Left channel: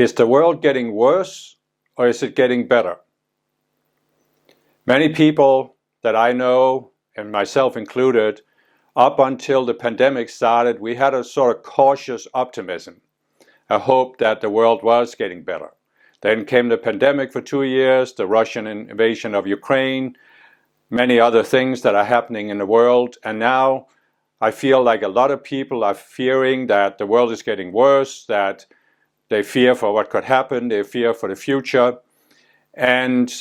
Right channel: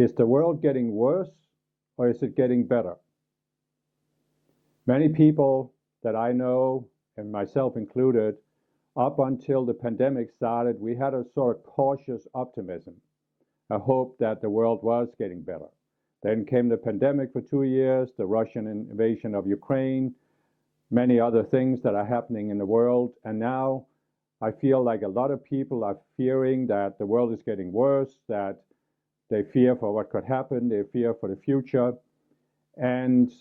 Is the world getting worse or is it getting better? Many people that I know, and myself included, up until the pandemic started, we had a sort of cautious optimism, a hope that the world was getting better. Then came the pandemic for 2 years, the Russian invasion of Ukraine, many other things that are happening in the world, and now I feel like a lot of people are fearing that the world is getting worse, that they fear for what could happen, they fear for the future. And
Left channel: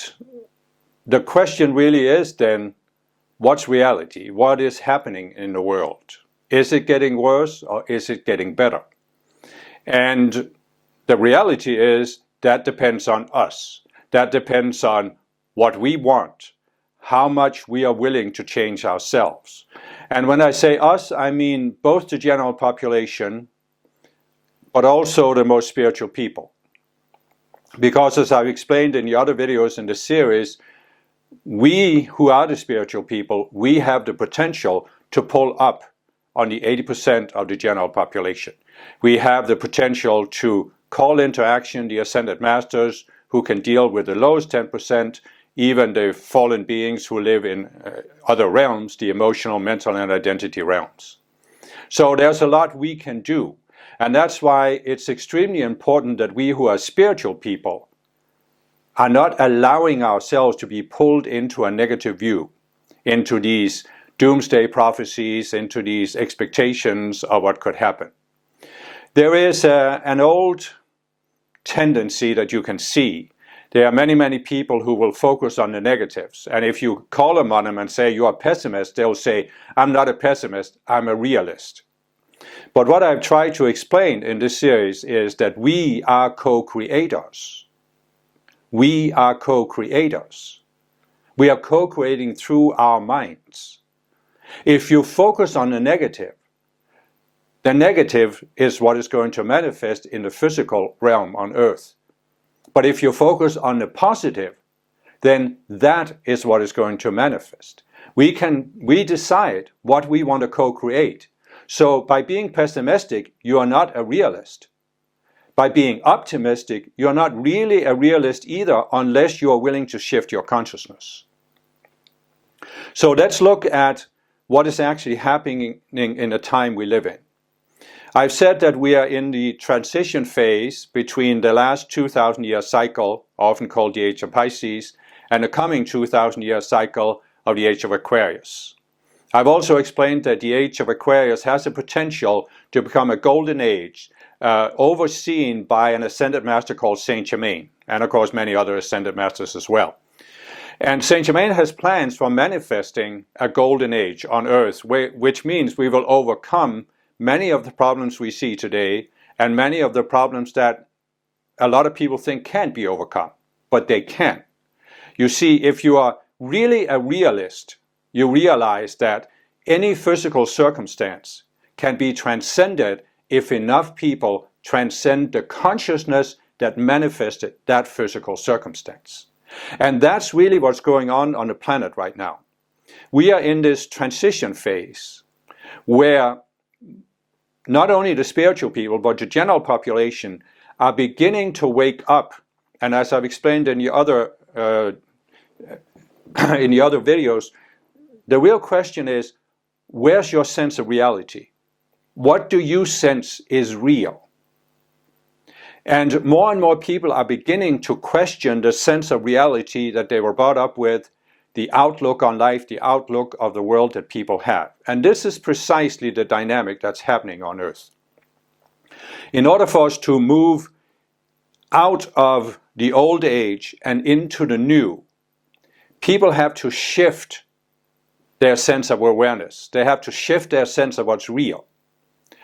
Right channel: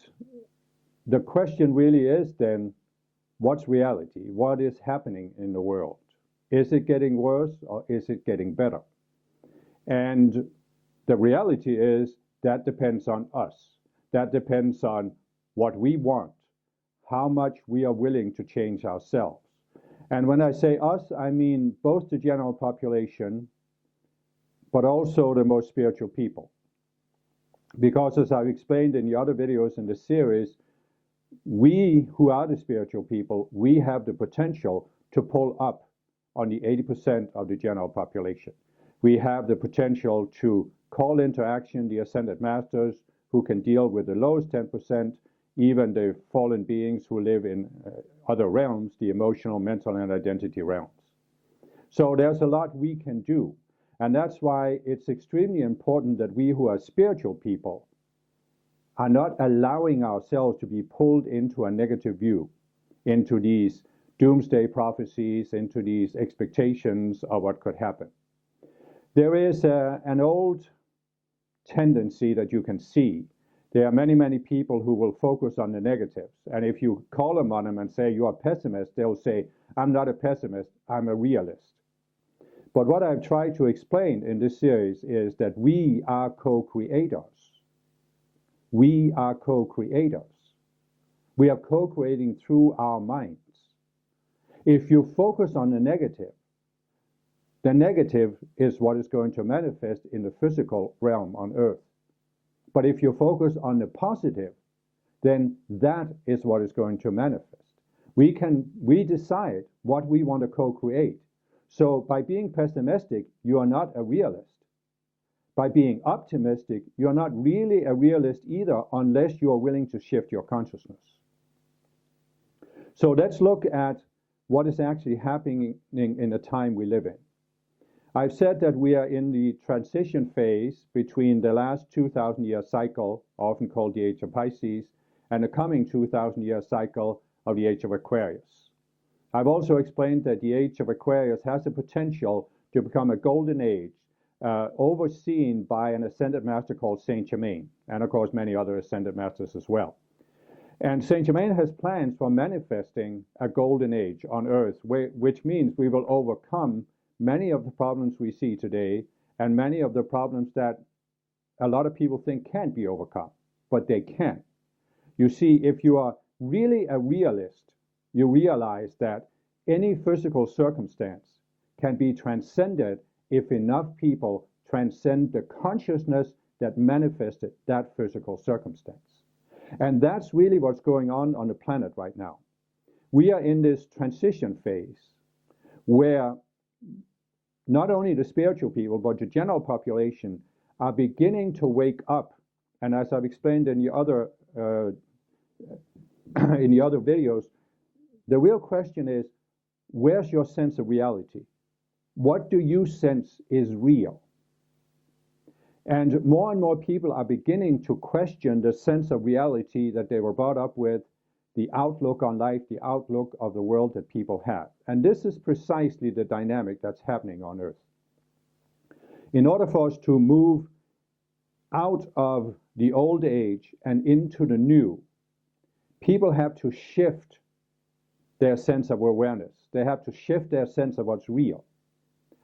the question really is then, what's reality? What is happening in the world? Is it getting worse or is it getting better? And the reality is that depends on us. That depends on what we want, how much we are willing to change ourselves. And when I say us, I mean both the general population, but also the most spiritual people. Because as I've explained in the other videos in the series, we who are the spiritual people, we have the potential to pull up on the 80% of the general population. We have the potential to call into action the ascended masters who can deal with the lowest 10%, even the fallen beings who live in other realms, the emotional, mental, and identity realms. So there's a lot we can do. And that's why it's extremely important that we who are spiritual people are not allowing ourselves to be pulled into a negative view, into these doomsday prophecies, into these expectations of what could happen. There is an old tendency that you can see. There are many, many people who will focus on the negatives. And if you call them on them and say, you're a pessimist, they'll say, I'm not a pessimist, I'm a realist. But what I've tried to explain in this series is that we are co-creators. We are co-creators. We are co-creating through our minds. If you focus on the negative is what is going to manifest in the physical realm on earth. But if you focus on the positive, then that is what is going to manifest. We decide what we want to co-create. So by being pessimistic, you are not a realist. By being optimistic, you're not really a realist either unless you are willing to shift your consciousness. So let's look at what is actually happening in the time we live in. I've said that we are in the transition phase between the last 2,000-year cycle, often called the Age of Pisces, and the coming 2,000-year cycle of the Age of Aquarius. I've also explained that the Age of Aquarius has the potential to become a golden age, overseen by an ascended master called Saint Germain, and of course many other ascended masters as well. And Saint Germain has plans for manifesting a golden age on earth, which means we will overcome many of the problems we see today and many of the problems that a lot of people think can't be overcome, but they can. You see, if you are really a realist, you realize that any physical circumstance can be transcended if enough people transcend the consciousness that manifested that physical circumstance. And that's really what's going on the planet right now. We are in this transition phase where not only the spiritual people, but the general population are beginning to wake up. And as I've explained in the other videos, the real question is, where's your sense of reality? What do you sense is real? And more people are beginning to question the sense of reality that they were brought up with, the outlook on life, the outlook of the world that people have. And this is precisely the dynamic that's happening on Earth. In order for us to move out of the old age and into the new, people have to shift their sense of awareness. They have to shift their sense of what's real.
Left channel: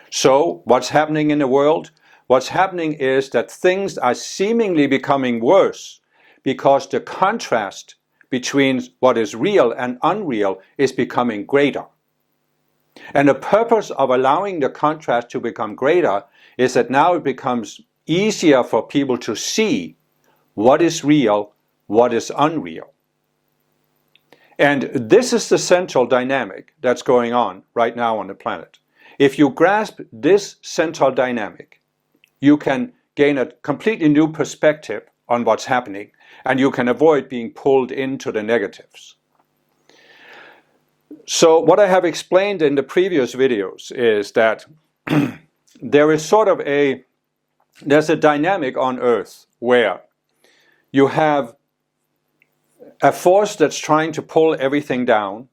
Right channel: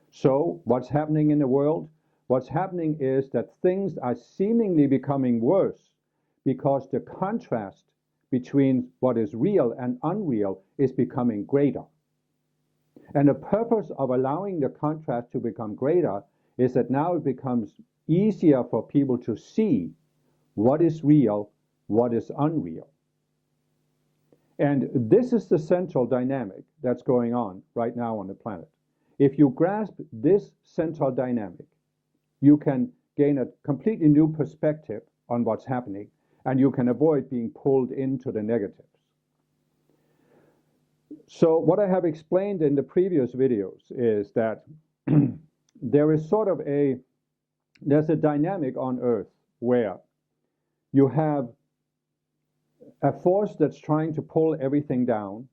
So what's happening in the world? What's happening is that things are seemingly becoming worse because the contrast between what is real and unreal is becoming greater. And the purpose of allowing the contrast to become greater is that now it becomes easier for people to see what is real, what is unreal. And this is the central dynamic that's going on right now on the planet. If you grasp this central dynamic, you can gain a completely new perspective on what's happening, and you can avoid being pulled into the negatives. So what I have explained in the previous videos is that there is sort of there's a dynamic on Earth where you have a force that's trying to pull everything down,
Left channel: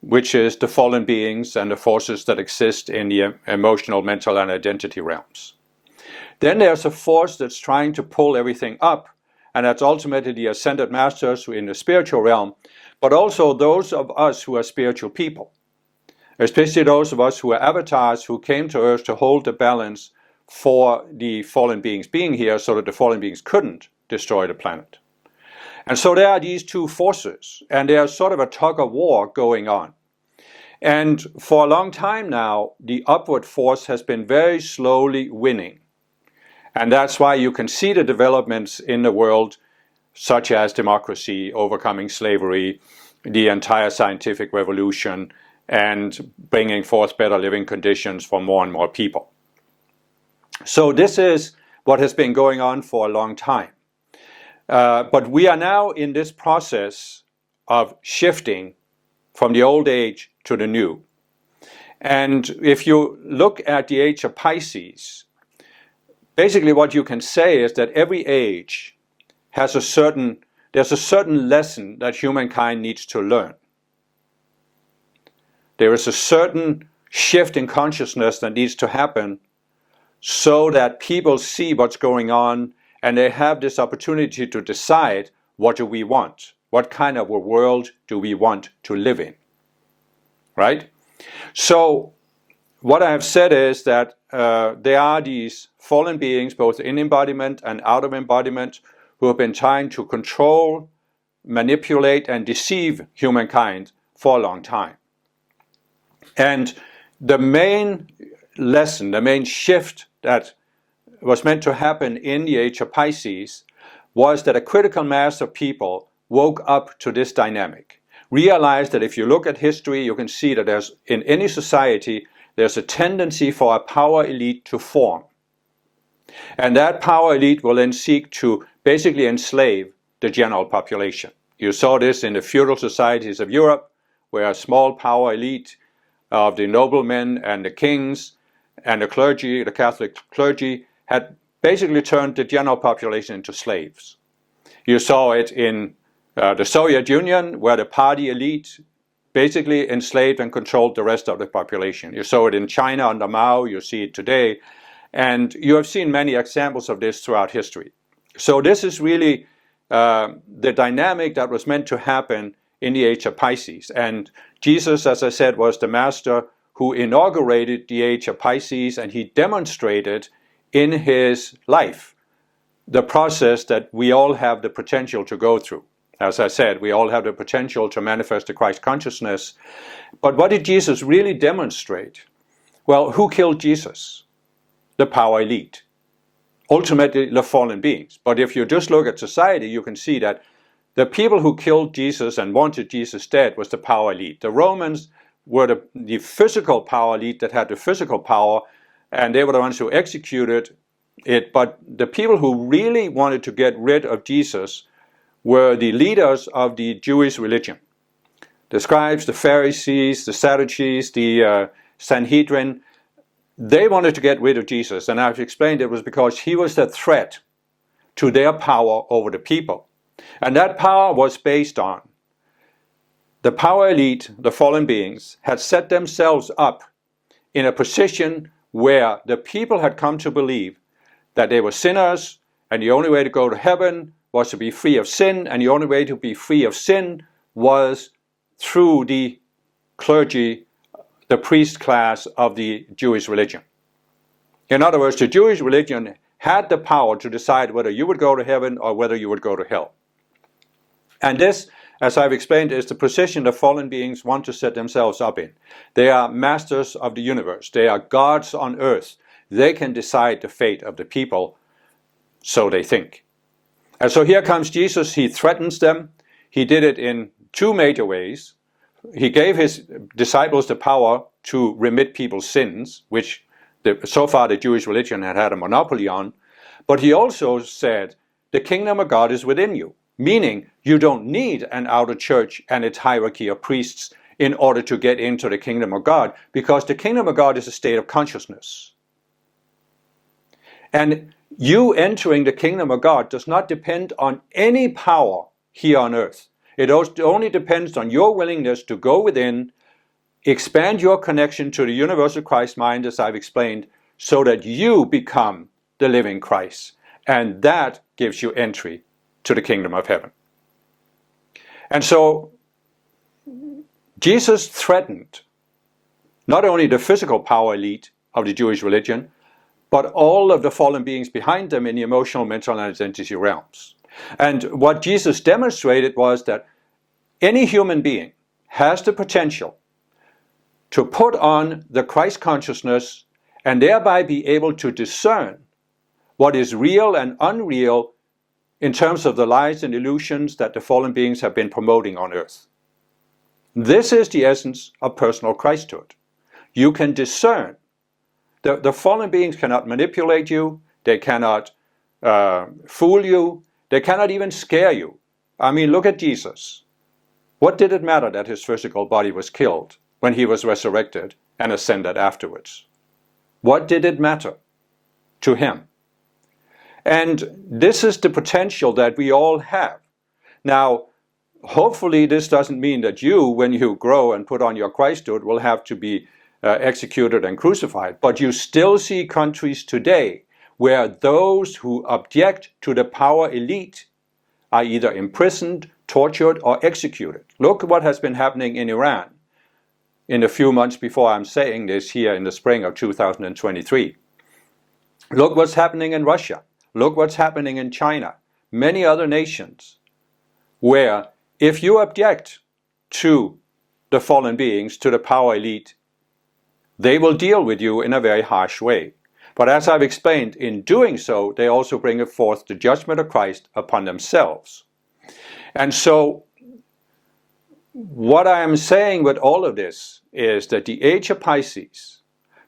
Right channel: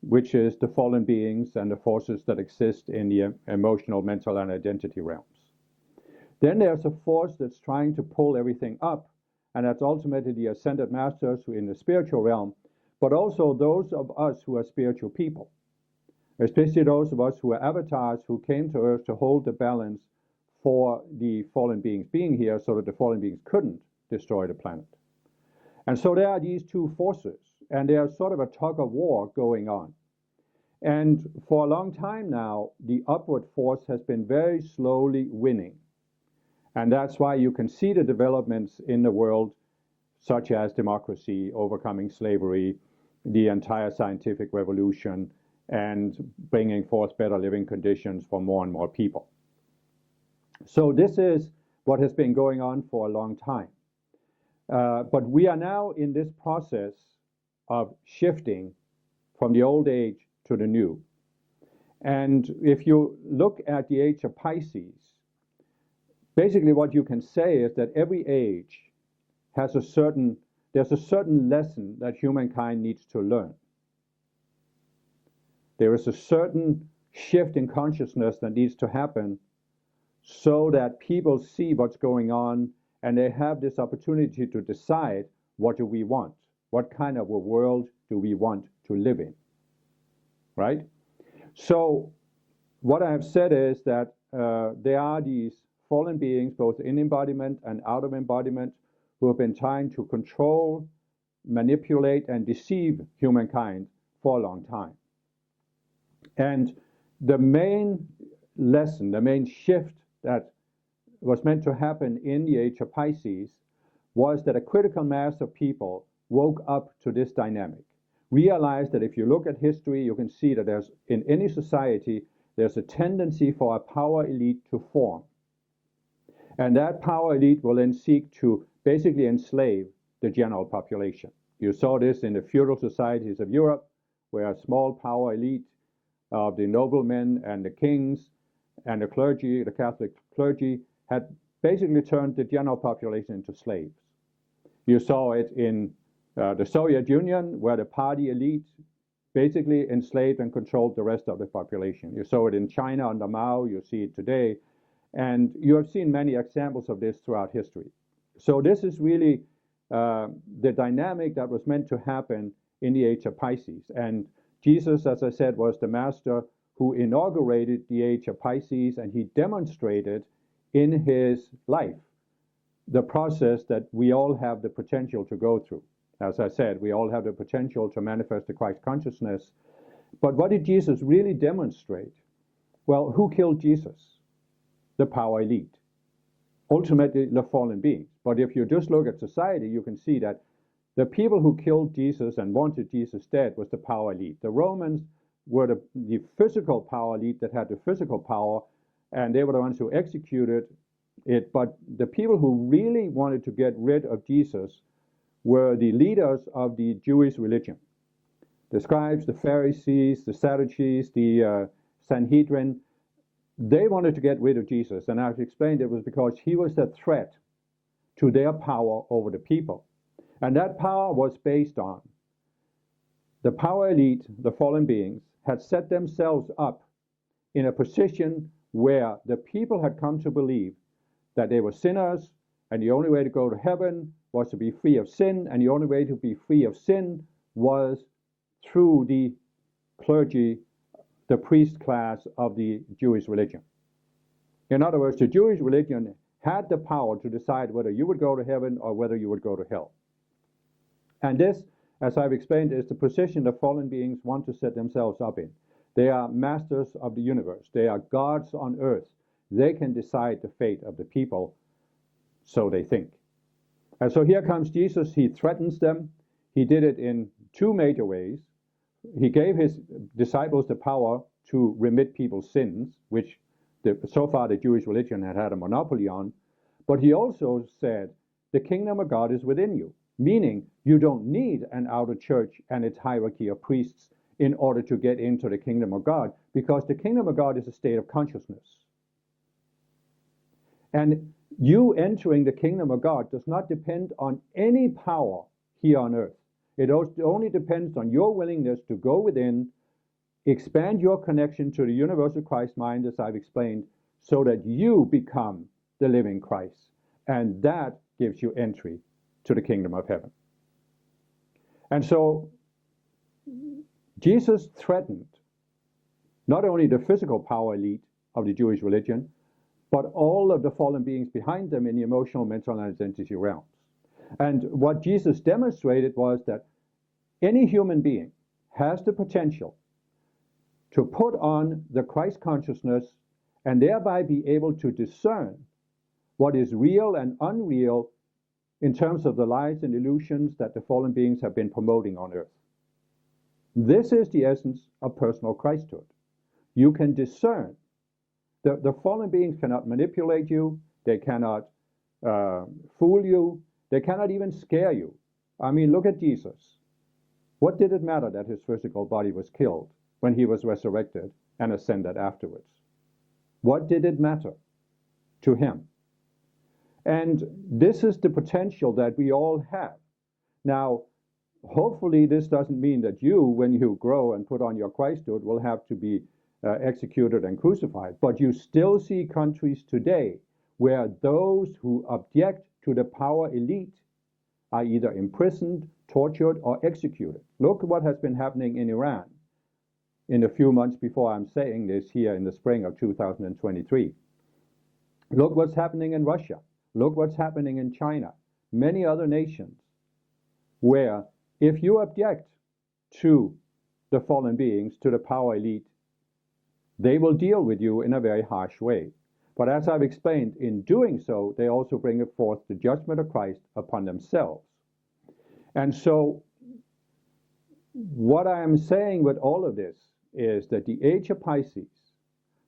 which is the fallen beings and the forces that exist in the emotional, mental, and identity realms. Then there's a force that's trying to pull everything up, and that's ultimately the ascended masters in the spiritual realm, but also those of us who are spiritual people, especially those of us who are avatars who came to Earth to hold the balance for the fallen beings being here so that the fallen beings couldn't destroy the planet. And so there are these two forces, and there's sort of a tug of war going on. And for a long time now, the upward force has been very slowly winning. And that's why you can see the developments in the world, such as democracy, overcoming slavery, the entire scientific revolution, and bringing forth better living conditions for more and more people. So this is what has been going on for a long time. But we are now in this process of shifting from the old age to the new. And if you look at the age of Pisces, basically what you can say is that every age has there's a certain lesson that humankind needs to learn. There is a certain shift in consciousness that needs to happen so that people see what's going on and they have this opportunity to decide, what do we want? What kind of a world do we want to live in? Right? So what I have said is that there are these fallen beings, both in embodiment and out of embodiment, who have been trying to control, manipulate, and deceive humankind for a long time. And the main lesson, the main shift that was meant to happen in the age of Pisces was that a critical mass of people woke up to this dynamic, realized that if you look at history, you can see that in any society, there's a tendency for a power elite to form. And that power elite will then seek to basically enslave the general population. You saw this in the feudal societies of Europe, where a small power elite of the noblemen and the kings and the clergy, the Catholic clergy, had basically turned the general population into slaves. You saw it in the Soviet Union, where the party elite basically enslaved and controlled the rest of the population. You saw it in China under Mao, you see it today, and you have seen many examples of this throughout history. So this is really the dynamic that was meant to happen in the age of Pisces. And Jesus, as I said, was the master who inaugurated the age of Pisces, and he demonstrated in his life the process that we all have the potential to go through. As I said, we all have the potential to manifest the Christ consciousness. But what did Jesus really demonstrate? Well, who killed Jesus? The power elite. Ultimately, the fallen beings. But if you just look at society, you can see that the people who killed Jesus and wanted Jesus dead was the power elite. The Romans were the physical power elite that had the physical power, and they were the ones who executed it. But the people who really wanted to get rid of Jesus were the leaders of the Jewish religion. The scribes, the Pharisees, the Sadducees, the Sanhedrin, they wanted to get rid of Jesus. And I've explained it was because he was the threat to their power over the people. And that power was based on the power elite, the fallen beings, had set themselves up in a position where the people had come to believe that they were sinners, and the only way to go to heaven was to be free of sin, and the only way to be free of sin was through the clergy, the priest class of the Jewish religion. In other words, the Jewish religion had the power to decide whether you would go to heaven or whether you would go to hell. And this, as I've explained, is the position the fallen beings want to set themselves up in. They are masters of the universe. They are gods on earth. They can decide the fate of the people, so they think. And so here comes Jesus. He threatens them. He did it in two major ways. He gave his disciples the power to remit people's sins, which so far the Jewish religion had a monopoly on. But he also said, the kingdom of God is within you, meaning you don't need an outer church and its hierarchy of priests in order to get into the kingdom of God, because the kingdom of God is a state of consciousness. And you entering the kingdom of God does not depend on any power here on earth. It only depends on your willingness to go within, expand your connection to the universal Christ mind, as I've explained, so that you become the living Christ. And that gives you entry to the kingdom of heaven. And so Jesus threatened not only the physical power elite of the Jewish religion, but all of the fallen beings behind them in the emotional, mental, and identity realms. And what Jesus demonstrated was that any human being has the potential to put on the Christ consciousness and thereby be able to discern what is real and unreal in terms of the lies and illusions that the fallen beings have been promoting on earth. This is the essence of personal Christhood. You can discern. The fallen beings cannot manipulate you, they cannot fool you, they cannot even scare you. I mean, look at Jesus. What did it matter that his physical body was killed when he was resurrected and ascended afterwards? What did it matter to him? And this is the potential that we all have. Now, hopefully this doesn't mean that you, when you grow and put on your Christhood, will have to be executed and crucified. But you still see countries today where those who object to the power elite are either imprisoned, tortured, or executed. Look at what has been happening in Iran in the few months before I'm saying this here in the spring of 2023. Look what's happening in Russia. Look what's happening in China. Many other nations where if you object to the fallen beings, to the power elite, they will deal with you in a very harsh way. But as I've explained, in doing so, they also bring forth the judgment of Christ upon themselves. And so, what I am saying with all of this is that the age of Pisces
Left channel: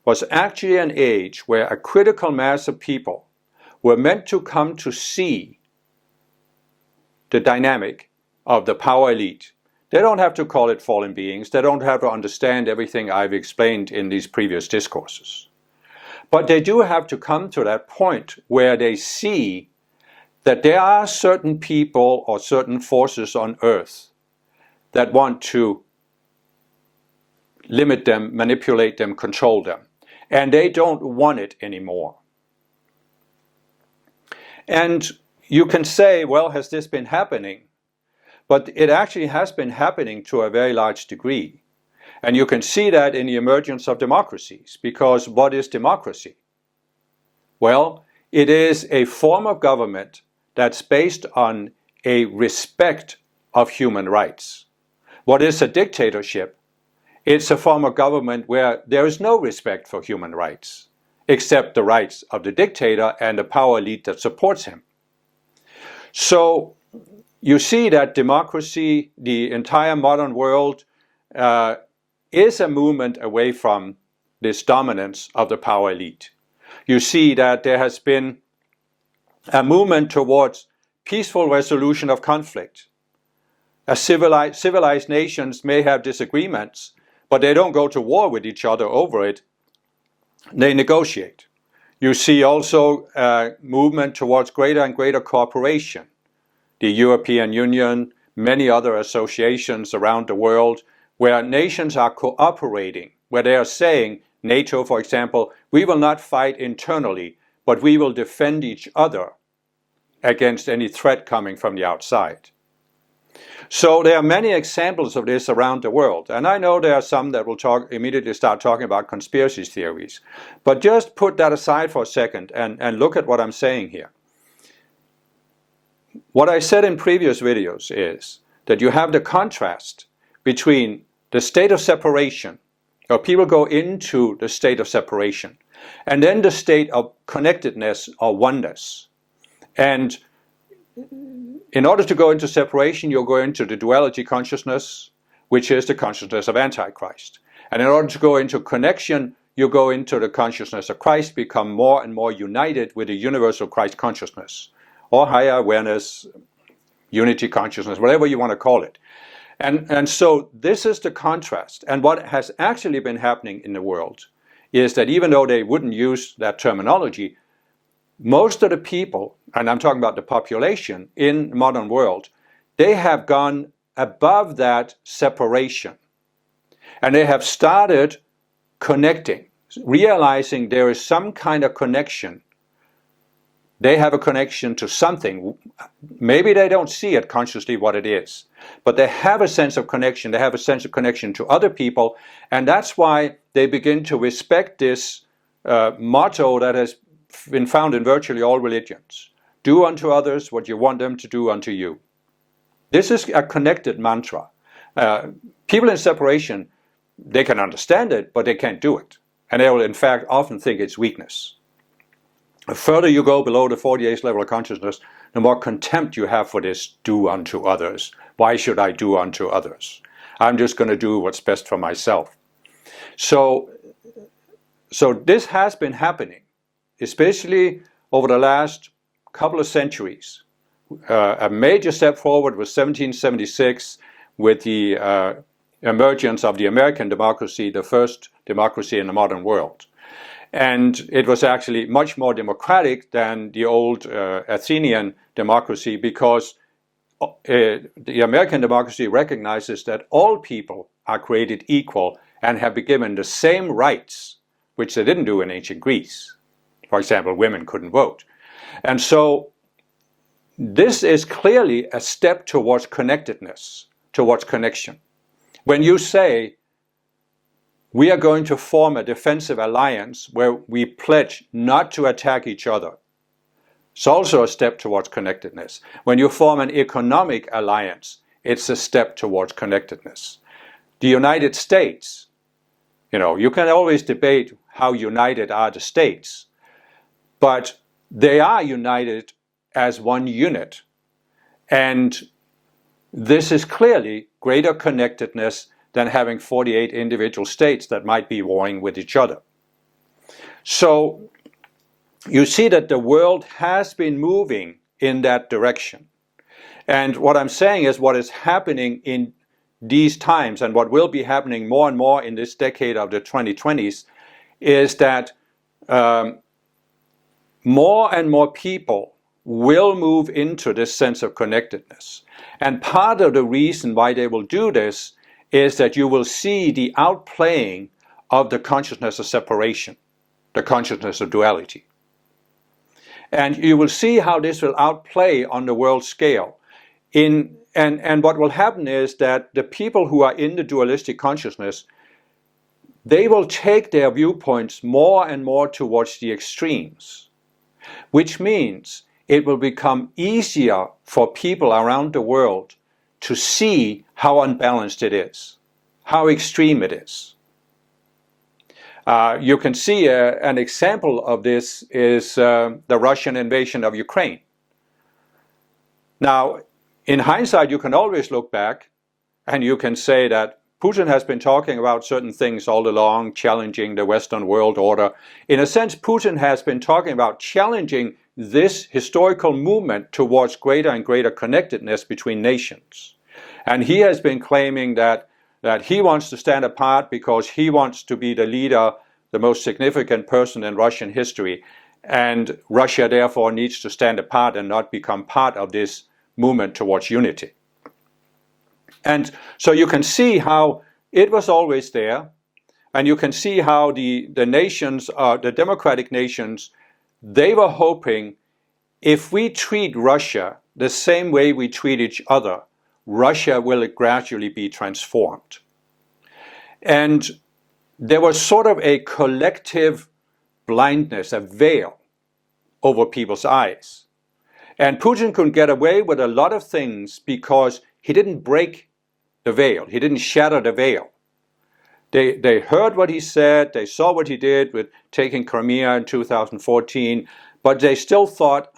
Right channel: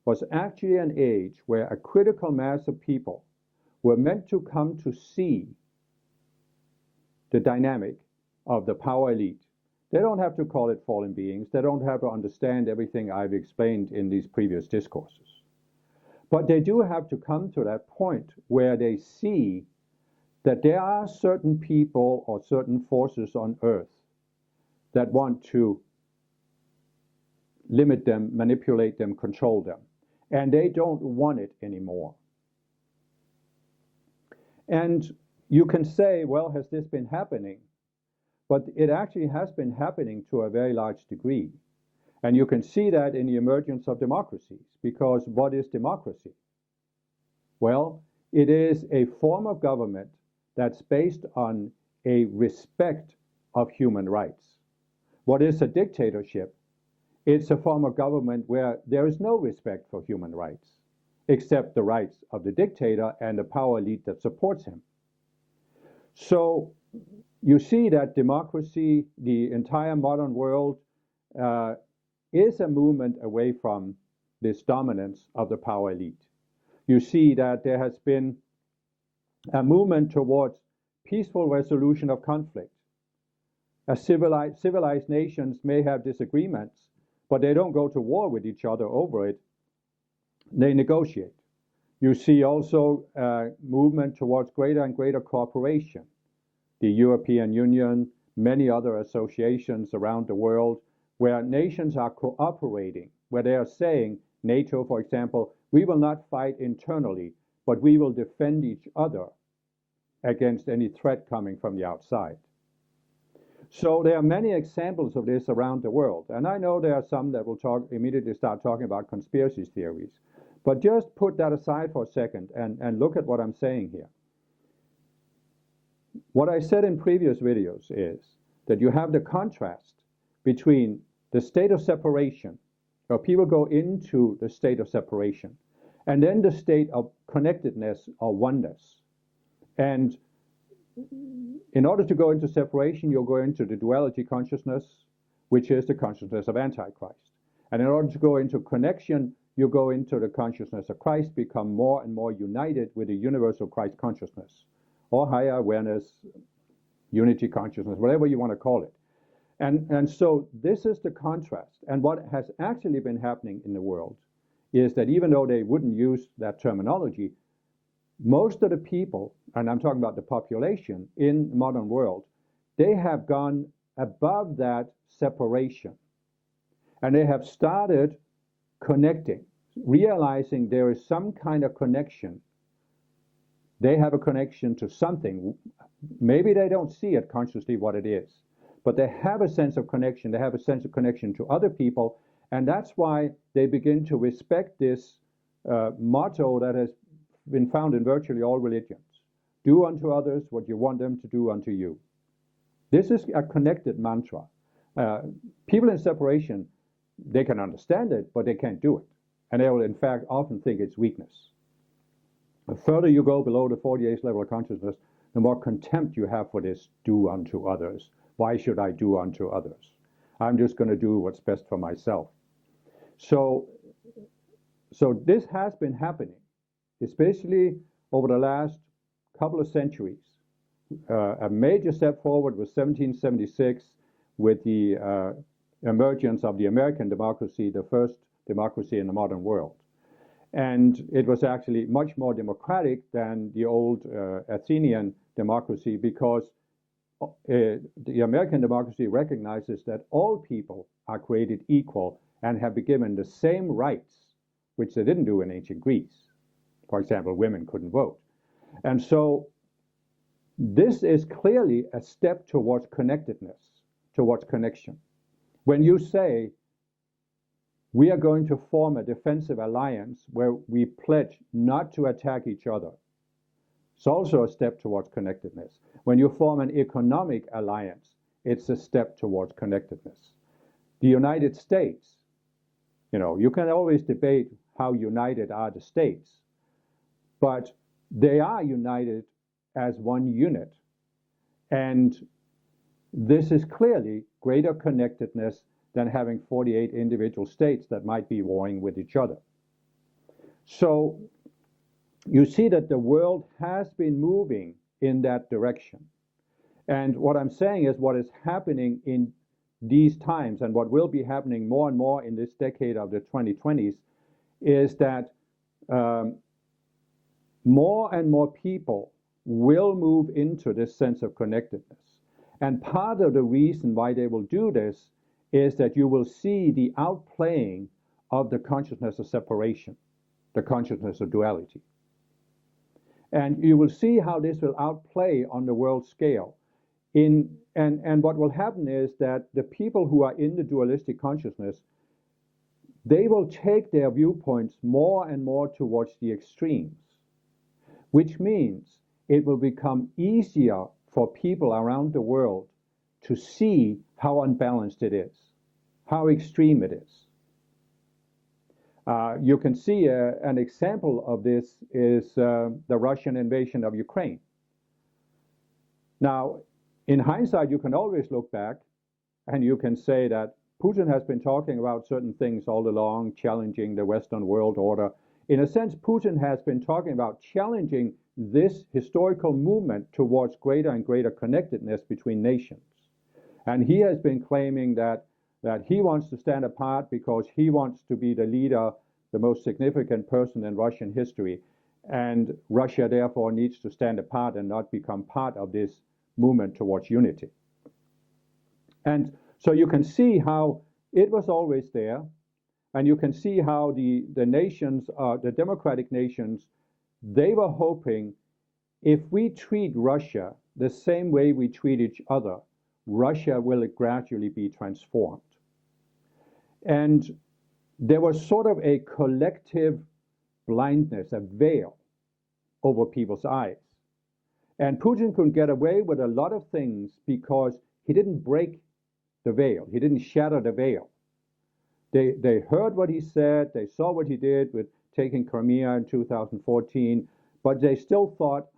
was actually an age where a critical mass of people were meant to come to see the dynamic of the power elite. They don't have to call it fallen beings. They don't have to understand everything I've explained in these previous discourses. But they do have to come to that point where they see that there are certain people or certain forces on earth that want to limit them, manipulate them, control them. And they don't want it anymore. And you can say, well, has this been happening? But it actually has been happening to a very large degree. And you can see that in the emergence of democracies, because what is democracy? Well, it is a form of government that's based on a respect of human rights. What is a dictatorship? It's a form of government where there is no respect for human rights, except the rights of the dictator and the power elite that supports him. So you see that democracy, the entire modern world, is a movement away from this dominance of the power elite. You see that there has been a movement towards peaceful resolution of conflict. As civilized nations may have disagreements, but they don't go to war with each other over it. They negotiate. You see also a movement towards greater and greater cooperation. The European Union, many other associations around the world, where nations are cooperating, where they are saying, NATO, for example, we will not fight internally, but we will defend each other against any threat coming from the outside. So there are many examples of this around the world. And I know there are some that will immediately start talking about conspiracy theories. But just put that aside for a second and look at what I'm saying here. What I said in previous videos is that you have the contrast between the state of separation, or people go into the state of separation, and then the state of connectedness or oneness. And in order to go into separation, you'll go into the duality consciousness, which is the consciousness of Antichrist. And in order to go into connection, you go into the consciousness of Christ, become more and more united with the universal Christ consciousness, or higher awareness, unity consciousness, whatever you want to call it. And so this is the contrast. And what has actually been happening in the world is that even though they wouldn't use that terminology, most of the people, and I'm talking about the population in the modern world, they have gone above that separation. And they have started connecting, realizing there is some kind of connection. They have a connection to something. Maybe they don't see it consciously what it is, but they have a sense of connection. They have a sense of connection to other people, and that's why they begin to respect this motto that has been found in virtually all religions. Do unto others what you want them to do unto you. This is a connected mantra. People in separation, they can understand it, but they can't do it. And they will, in fact, often think it's weakness. The further you go below the 48th level of consciousness, the more contempt you have for this do unto others. Why should I do unto others? I'm just going to do what's best for myself. So this has been happening, especially over the last couple of centuries. A major step forward was 1776 with the emergence of the American democracy, the first democracy in the modern world. And it was actually much more democratic than the old Athenian democracy, because the American democracy recognizes that all people are created equal and have been given the same rights, which they didn't do in ancient Greece. For example, women couldn't vote. And so this is clearly a step towards connectedness, towards connection. When you say, we are going to form a defensive alliance where we pledge not to attack each other, it's also a step towards connectedness. When you form an economic alliance, it's a step towards connectedness. The United States, you can always debate how united are the states, but they are united as one unit. And this is clearly greater connectedness than having 48 individual states that might be warring with each other. So you see that the world has been moving in that direction. And what I'm saying is what is happening in these times, and what will be happening more and more in this decade of the 2020s, is that more and more people will move into this sense of connectedness. And part of the reason why they will do this is that you will see the outplaying of the consciousness of separation, the consciousness of duality. And you will see how this will outplay on the world scale. And what will happen is that the people who are in the dualistic consciousness, they will take their viewpoints more and more towards the extremes, which means it will become easier for people around the world to see how unbalanced it is, how extreme it is. You can see an example of this is the Russian invasion of Ukraine. Now, in hindsight, you can always look back and you can say that Putin has been talking about certain things all along, challenging the Western world order. In a sense, Putin has been talking about challenging this historical movement towards greater and greater connectedness between nations. And he has been claiming that he wants to stand apart because he wants to be the leader, the most significant person in Russian history. And Russia therefore needs to stand apart and not become part of this movement towards unity. And so you can see how it was always there. And you can see how the nations, the democratic nations, they were hoping if we treat Russia the same way we treat each other, Russia will gradually be transformed. And there was sort of a collective blindness, a veil over people's eyes. And Putin could get away with a lot of things because he didn't break the veil. He didn't shatter the veil. They heard what he said, they saw what he did with taking Crimea in 2014, but they still thought,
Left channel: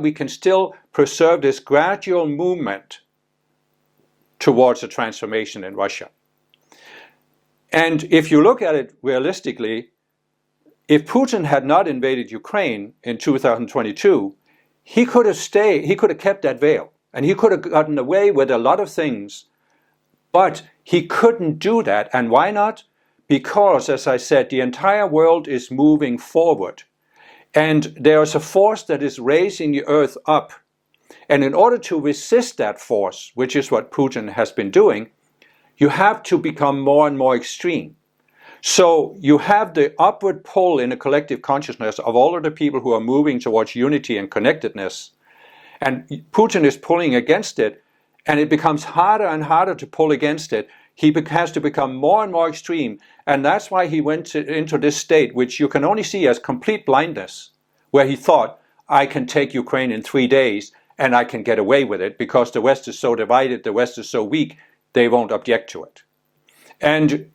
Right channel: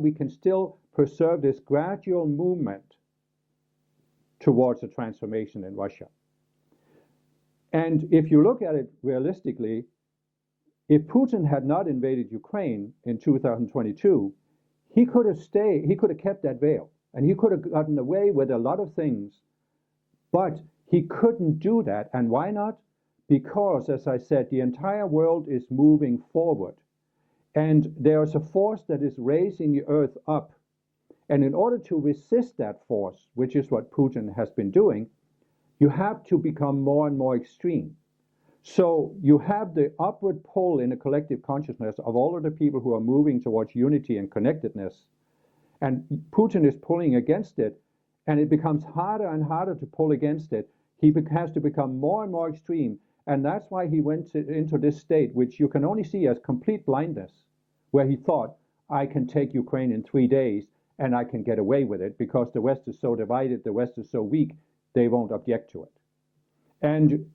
we can still preserve this gradual movement towards a transformation in Russia. And if you look at it realistically, if Putin had not invaded Ukraine in 2022, he could have kept that veil, and he could have gotten away with a lot of things, but he couldn't do that. And why not? Because, as I said, the entire world is moving forward, and there is a force that is raising the earth up. And in order to resist that force, which is what Putin has been doing, you have to become more and more extreme. So you have the upward pull in the collective consciousness of all of the people who are moving towards unity and connectedness. And Putin is pulling against it, and it becomes harder and harder to pull against it. He has to become more and more extreme. And that's why he went into this state, which you can only see as complete blindness, where he thought, I can take Ukraine in 3 days and I can get away with it because the West is so divided, the West is so weak, they won't object to it. And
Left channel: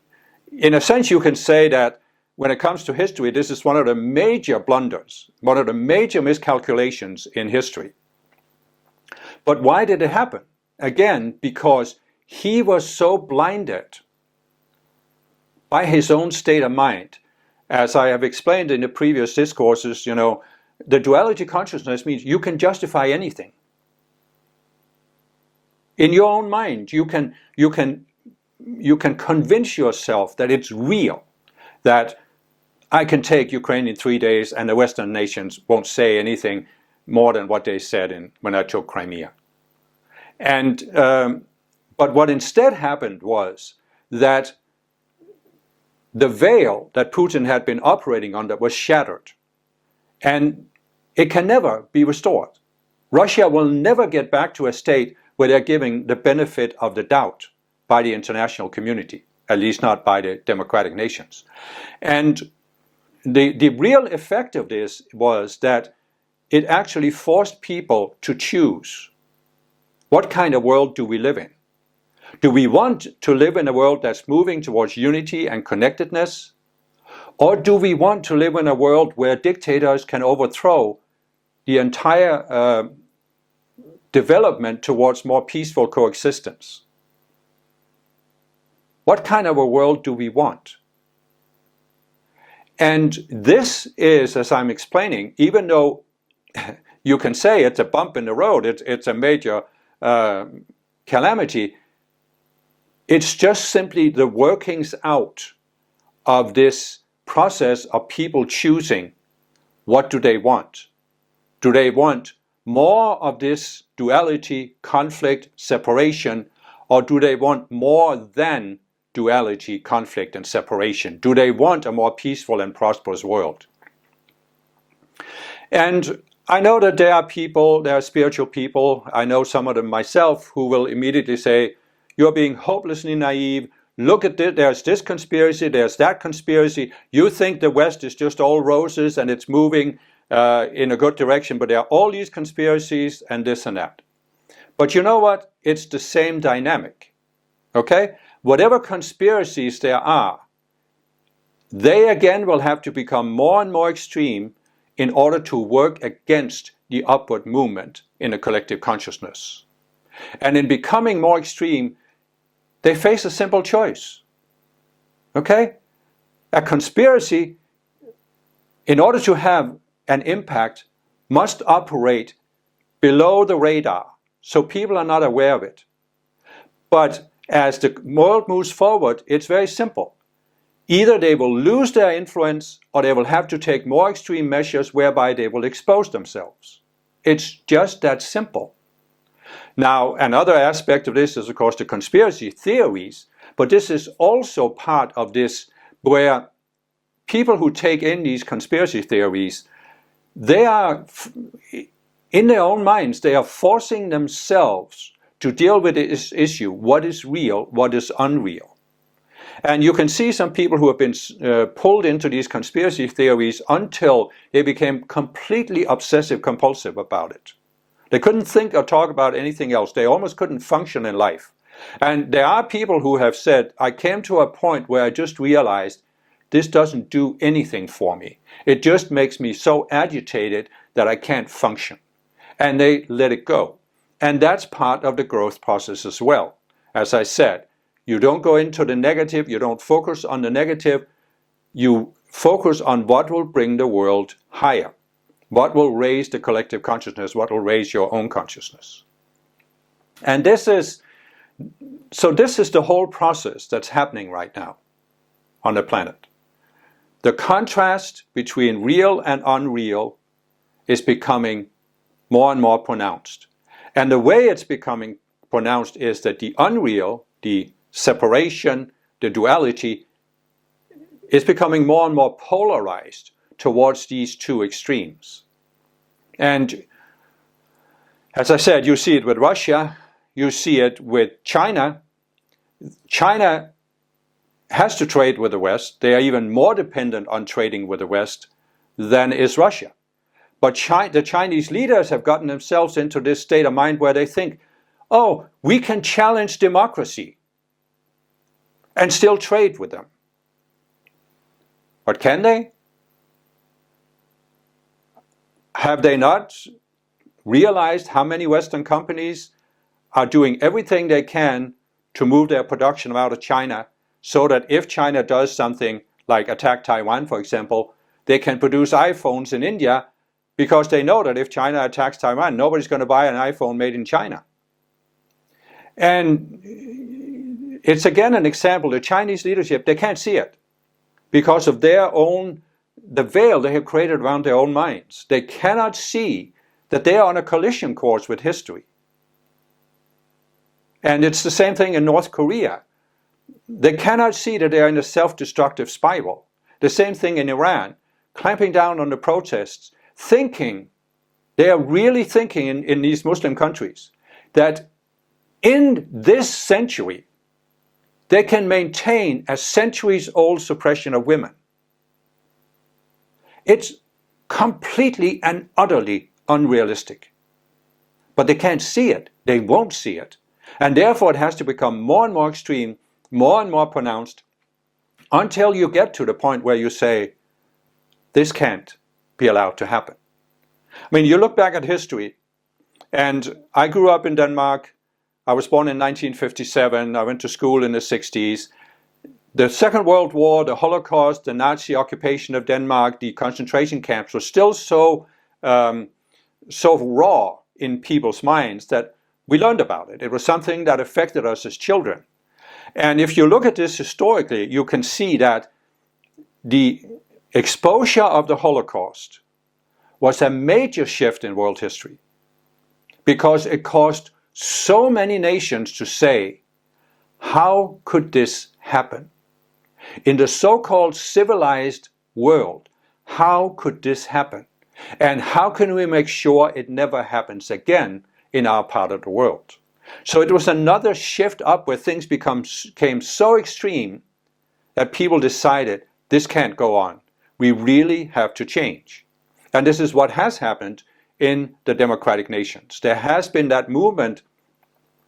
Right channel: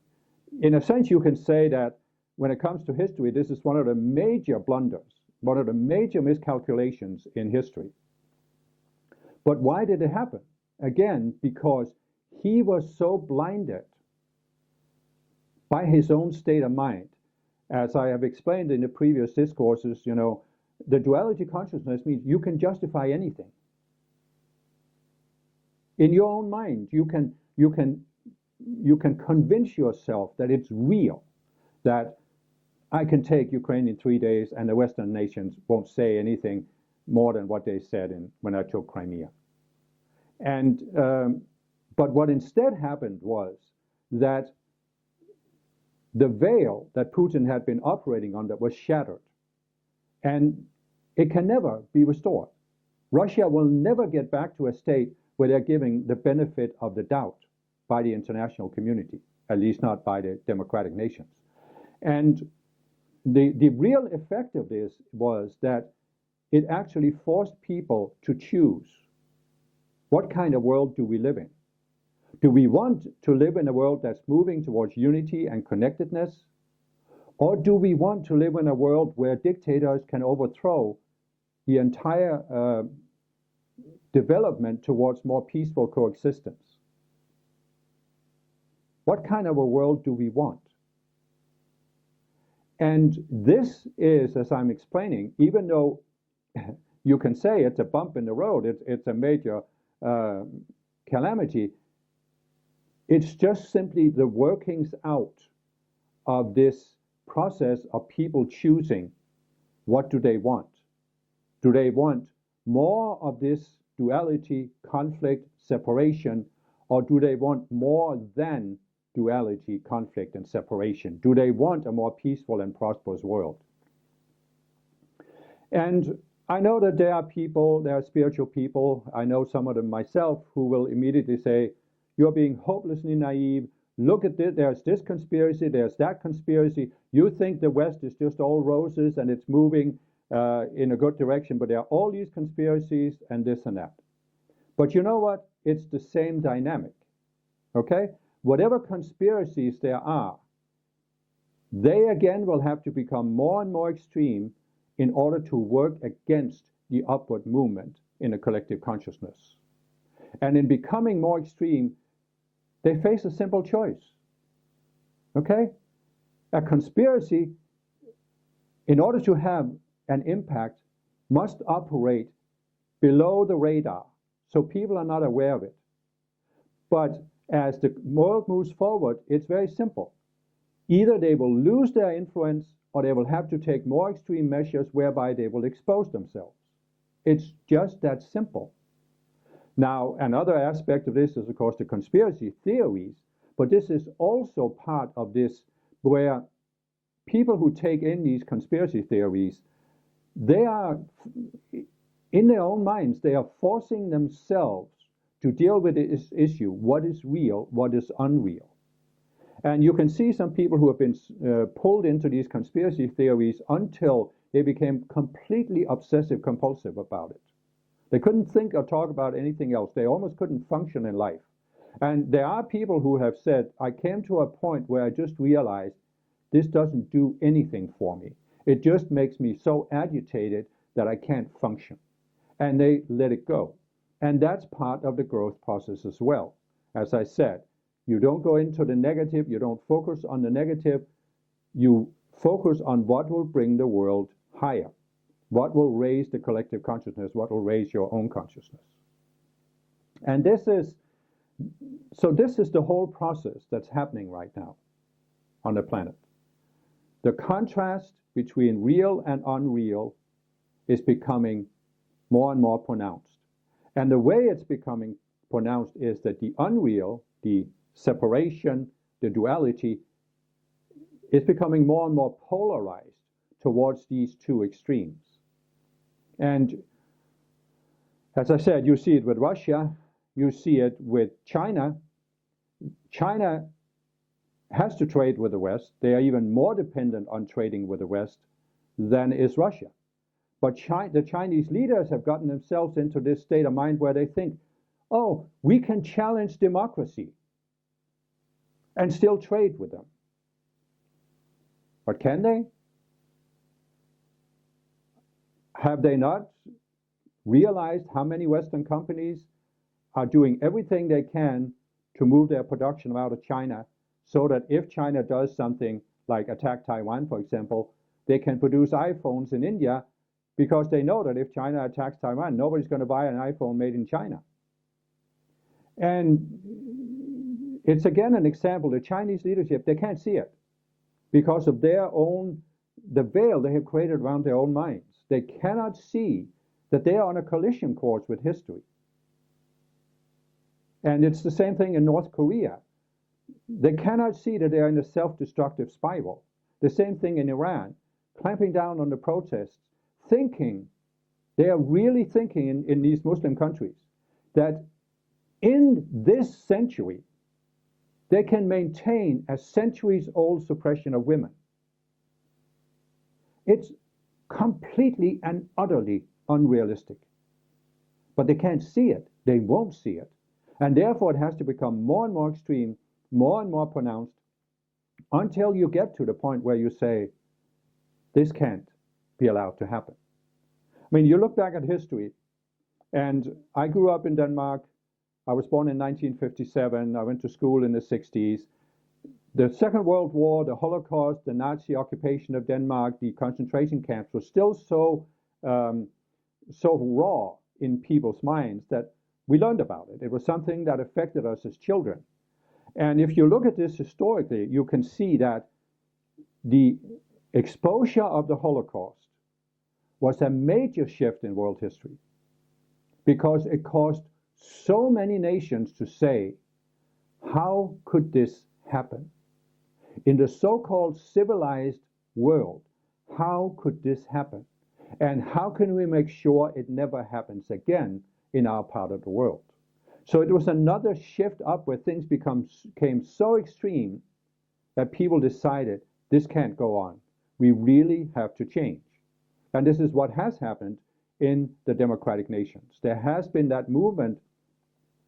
in a sense, you can say that when it comes to history, this is one of the major blunders, one of the major miscalculations in history. But why did it happen? Again, because he was so blinded by his own state of mind. As I have explained in the previous discourses, the duality consciousness means you can justify anything. In your own mind, you can convince yourself that it's real, that I can take Ukraine in 3 days and the Western nations won't say anything more than what they said when I took Crimea. And but what instead happened was that the veil that Putin had been operating under was shattered, and it can never be restored. Russia will never get back to a state where they're giving the benefit of the doubt by the international community, at least not by the democratic nations. And the real effect of this was that it actually forced people to choose. What kind of world do we live in? Do we want to live in a world that's moving towards unity and connectedness? Or do we want to live in a world where dictators can overthrow the entire development towards more peaceful coexistence? What kind of a world do we want? And this is, as I'm explaining, even though you can say it's a bump in the road, it's a major calamity, it's just simply the workings out of this process of people choosing what do they want. Do they want more of this duality, conflict, separation, or do they want more than duality, conflict, and separation? Do they want a more peaceful and prosperous world? And I know that there are spiritual people, I know some of them myself, who will immediately say, you're being hopelessly naive. Look at this, there's this conspiracy, there's that conspiracy. You think the West is just all roses and it's moving in a good direction, but there are all these conspiracies and this and that. But you know what? It's the same dynamic, okay? Whatever conspiracies there are, they again will have to become more and more extreme in order to work against the upward movement in a collective consciousness. And in becoming more extreme, they face a simple choice, okay? A conspiracy, in order to have an impact, must operate below the radar, so people are not aware of it. But as the world moves forward, it's very simple. Either they will lose their influence or they will have to take more extreme measures whereby they will expose themselves. It's just that simple. Now, another aspect of this is, of course, the conspiracy theories, but this is also part of this where people who take in these conspiracy theories, they are, in their own minds, they are forcing themselves to deal with this issue, what is real, what is unreal. And you can see some people who have been pulled into these conspiracy theories until they became completely obsessive compulsive about it. They couldn't think or talk about anything else. They almost couldn't function in life. And there are people who have said, I came to a point where I just realized this doesn't do anything for me. It just makes me so agitated that I can't function. And they let it go. And that's part of the growth process as well. As I said, you don't go into the negative, you don't focus on the negative, you focus on what will bring the world higher, what will raise the collective consciousness, what will raise your own consciousness. And this is the whole process that's happening right now on the planet. The contrast between real and unreal is becoming more and more pronounced. And the way it's becoming pronounced is that the unreal, the separation, the duality, is becoming more and more polarized towards these two extremes. And as I said, you see it with Russia, you see it with China. China has to trade with the West. They are even more dependent on trading with the West than is Russia. But the Chinese leaders have gotten themselves into this state of mind where they think, oh, we can challenge democracy and still trade with them. But can they? Have they not realized how many Western companies are doing everything they can to move their production out of China so that if China does something like attack Taiwan, for example, they can produce iPhones in India because they know that if China attacks Taiwan, nobody's going to buy an iPhone made in China. And it's again an example, the Chinese leadership, they can't see it because of the veil they have created around their own minds. They cannot see that they are on a collision course with history. And it's the same thing in North Korea. They cannot see that they are in a self-destructive spiral. The same thing in Iran, clamping down on the protests, they are really thinking in these Muslim countries that in this century, they can maintain a centuries-old suppression of women. It's completely and utterly unrealistic. But they can't see it. They won't see it. And therefore, it has to become more and more extreme, more and more pronounced, until you get to the point where you say, this can't be allowed to happen. I mean, you look back at history, and I grew up in Denmark. I was born in 1957. I went to school in the 60s. The Second World War, the Holocaust, the Nazi occupation of Denmark, the concentration camps were still so raw in people's minds that we learned about it. It was something that affected us as children. And if you look at this historically, you can see that the exposure of the Holocaust was a major shift in world history because it caused so many nations to say, how could this happen? In the so-called civilized world, how could this happen? And how can we make sure it never happens again in our part of the world? So it was another shift up where things became so extreme that people decided this can't go on. We really have to change. And this is what has happened in the democratic nations. There has been that movement.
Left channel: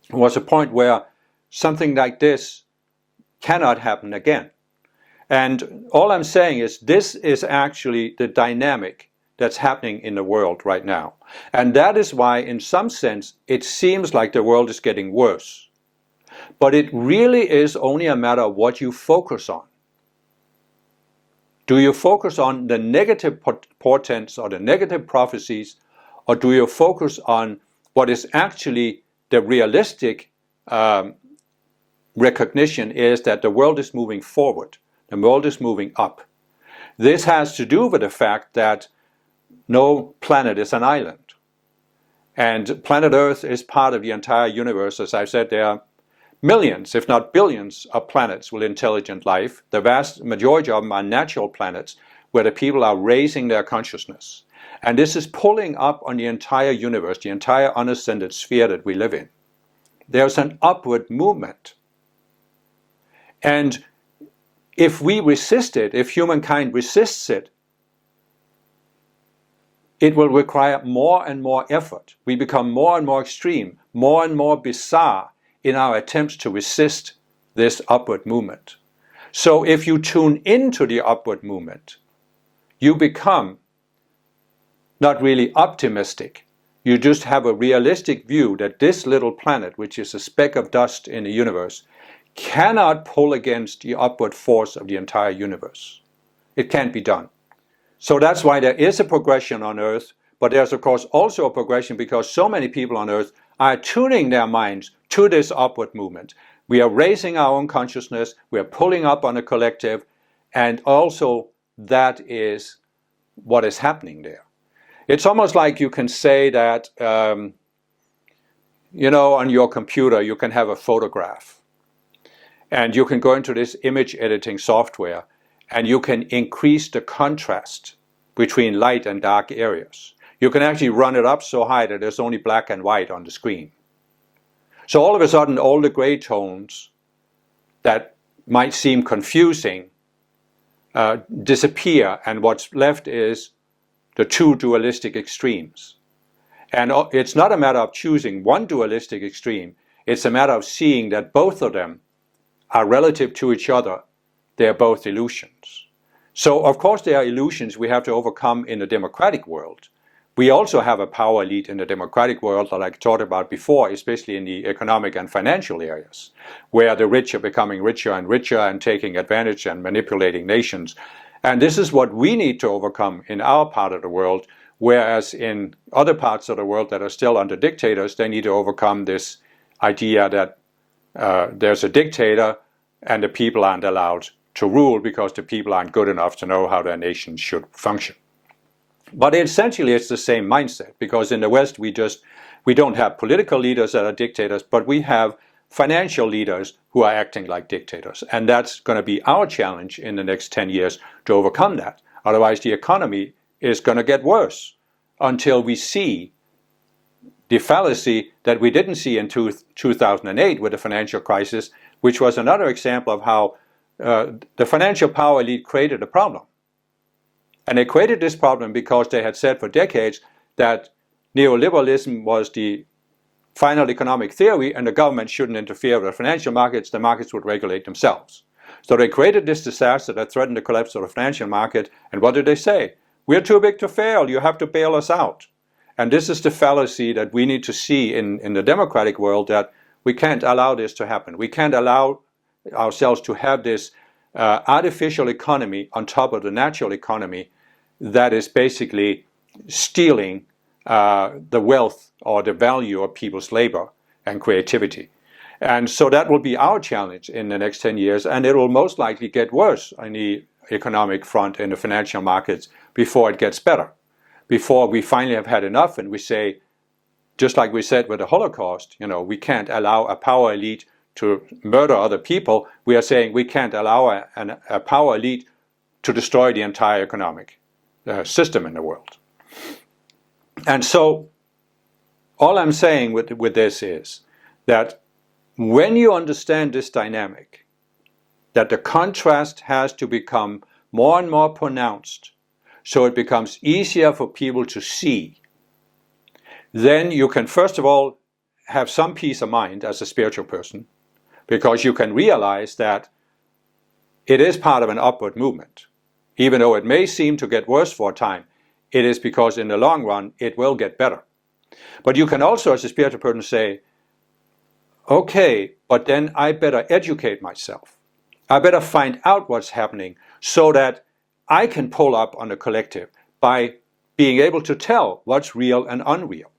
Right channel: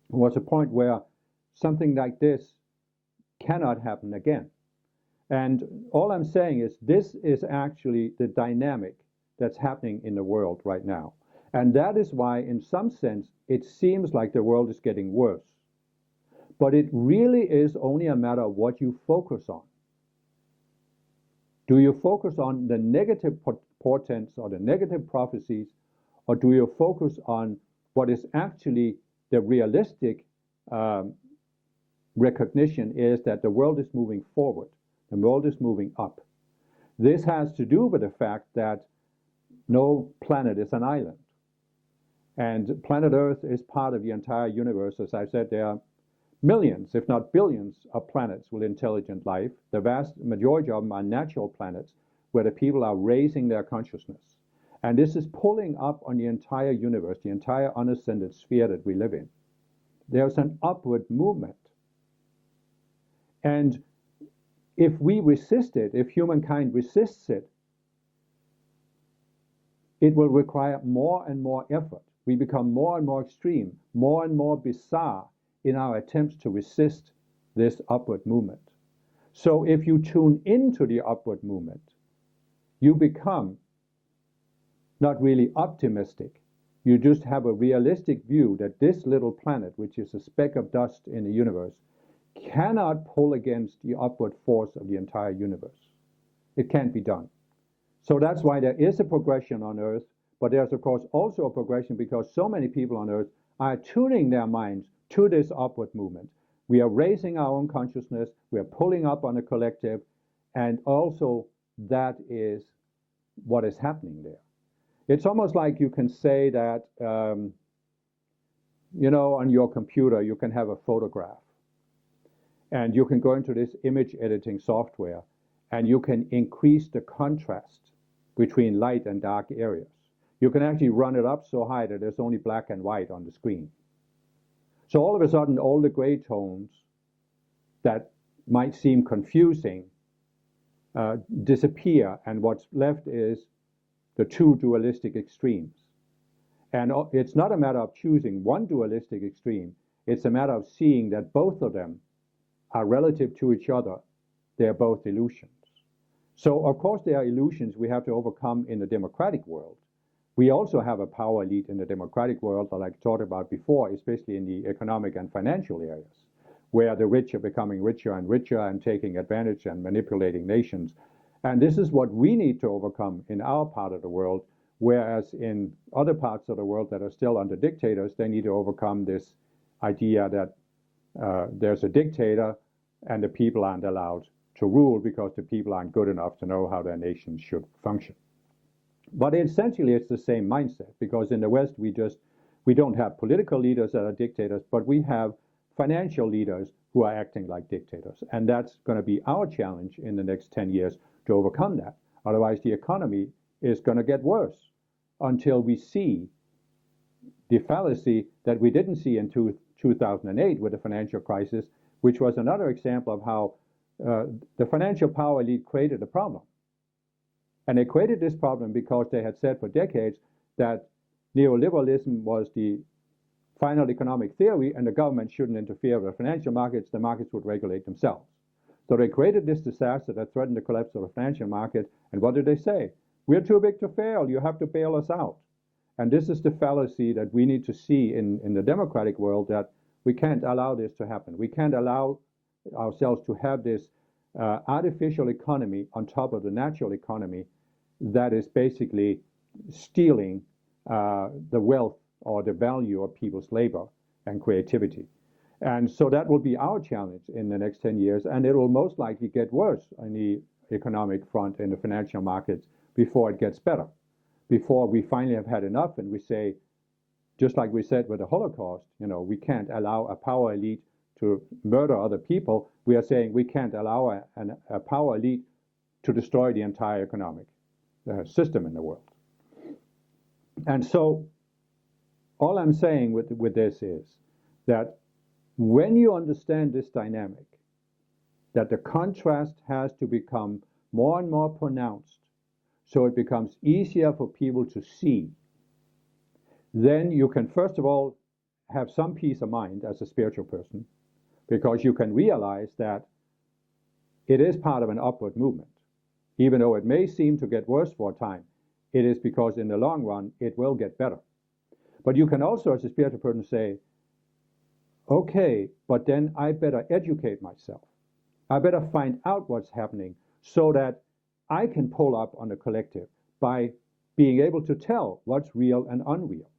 There was a point where something like this cannot happen again. And all I'm saying is this is actually the dynamic that's happening in the world right now. And that is why, in some sense, it seems like the world is getting worse. But it really is only a matter of what you focus on. Do you focus on the negative portents or the negative prophecies, or do you focus on what is actually the realistic recognition is that the world is moving forward, the world is moving up. This has to do with the fact that no planet is an island. And planet Earth is part of the entire universe. As I've said, there are millions, if not billions, of planets with intelligent life. The vast majority of them are natural planets where the people are raising their consciousness. And this is pulling up on the entire universe, the entire unascended sphere that we live in. There's an upward movement. And if we resist it, if humankind resists it, it will require more and more effort. We become more and more extreme, more and more bizarre in our attempts to resist this upward movement. So if you tune into the upward movement, you become not really optimistic. You just have a realistic view that this little planet, which is a speck of dust in the universe, cannot pull against the upward force of the entire universe. It can't be done. So that's why there is a progression on Earth, but there's of course also a progression because so many people on Earth are tuning their minds to this upward movement. We are raising our own consciousness, we are pulling up on a collective, and also that is what is happening there. It's almost like you can say that, on your computer you can have a photograph, and you can go into this image editing software, and you can increase the contrast between light and dark areas. You can actually run it up so high that there's only black and white on the screen. So all of a sudden, all the gray tones that might seem confusing disappear, and what's left is the two dualistic extremes. And it's not a matter of choosing one dualistic extreme, it's a matter of seeing that both of them are relative to each other. They're both illusions. So of course there are illusions we have to overcome in the democratic world. We also have a power elite in the democratic world that I talked about before, especially in the economic and financial areas, where the rich are becoming richer and taking advantage and manipulating nations. And this is what we need to overcome in our part of the world, whereas in other parts of the world that are still under dictators, they need to overcome this idea that there's a dictator and the people aren't allowed to rule because the people aren't good enough to know how their nation should function. But essentially it's the same mindset, because in the West we don't have political leaders that are dictators, but we have financial leaders who are acting like dictators. And that's going to be our challenge in the next 10 years to overcome that. Otherwise the economy is going to get worse until we see the fallacy that we didn't see in 2008 with the financial crisis, which was another example of how the financial power elite created a problem. And they created this problem because they had said for decades that neoliberalism was the final economic theory and the government shouldn't interfere with the financial markets, the markets would regulate themselves. So they created this disaster that threatened the collapse of the financial market, and what did they say? We're too big to fail, you have to bail us out. And this is the fallacy that we need to see in the democratic world, that we can't allow this to happen. We can't allow ourselves to have this artificial economy on top of the natural economy that is basically stealing the wealth or the value of people's labor and creativity. And so that will be our challenge in the next 10 years, and it will most likely get worse on the economic front in the financial markets before it gets better. Before we finally have had enough and we say, just like we said with the Holocaust, we can't allow a power elite to murder other people. We are saying we can't allow a power elite to destroy the entire economic system in the world. And so all I'm saying with this is that when you understand this dynamic, that the contrast has to become more and more pronounced so it becomes easier for people to see, then you can first of all have some peace of mind as a spiritual person, because you can realize that it is part of an upward movement. Even though it may seem to get worse for a time, it is because in the long run it will get better. But you can also as a spiritual person say, okay, but then I better educate myself. I better find out what's happening so that I can pull up on the collective by being able to tell what's real and unreal.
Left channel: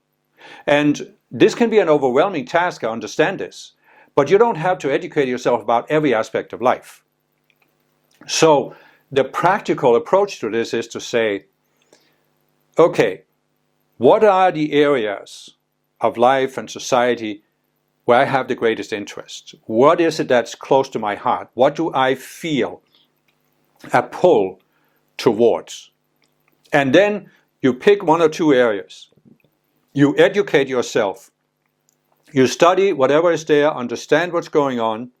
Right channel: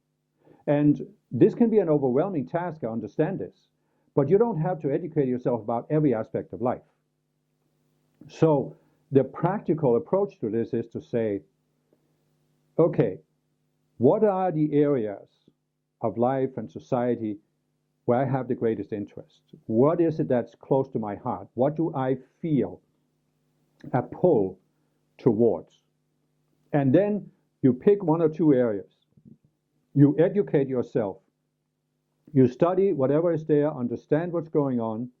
And this can be an overwhelming task, I understand this, but you don't have to educate yourself about every aspect of life. So the practical approach to this is to say, okay, what are the areas of life and society where I have the greatest interest? What is it that's close to my heart? What do I feel a pull towards? And then you pick one or two areas. You educate yourself. You study whatever is there, understand what's going on,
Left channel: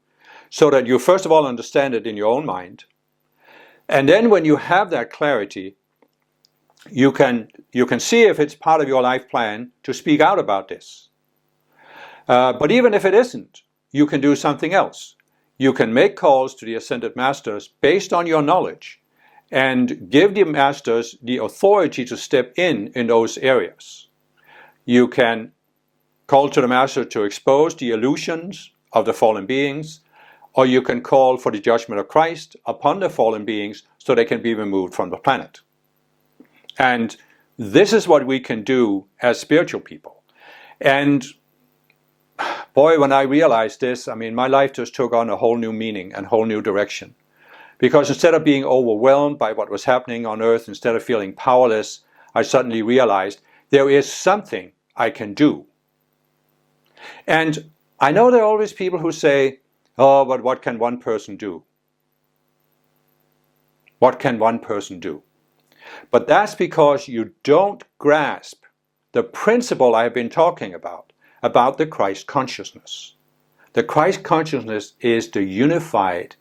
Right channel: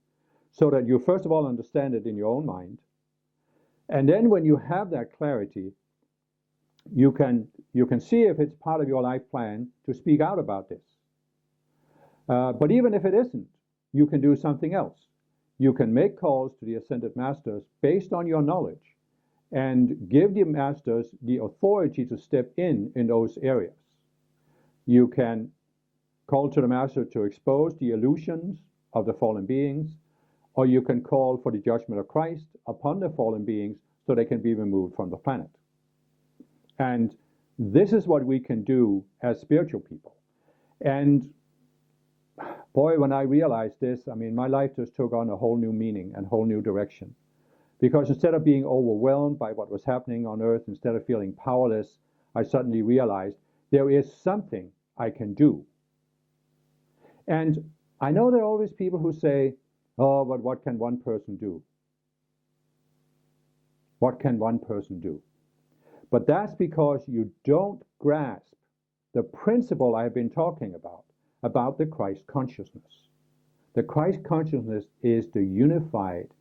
so that you first of all understand it in your own mind. And then when you have that clarity, you can see if it's part of your life plan to speak out about this. But even if it isn't, you can do something else. You can make calls to the Ascended Masters based on your knowledge and give the Masters the authority to step in those areas. You can call to the Master to expose the illusions of the fallen beings, or you can call for the judgment of Christ upon the fallen beings so they can be removed from the planet. And this is what we can do as spiritual people. And boy, when I realized this, I mean, my life just took on a whole new meaning and whole new direction. Because instead of being overwhelmed by what was happening on Earth, instead of feeling powerless, I suddenly realized there is something I can do. And I know there are always people who say, oh, but what can one person do? What can one person do? But that's because you don't grasp the principle I've been talking about the Christ consciousness. The Christ consciousness is the unifying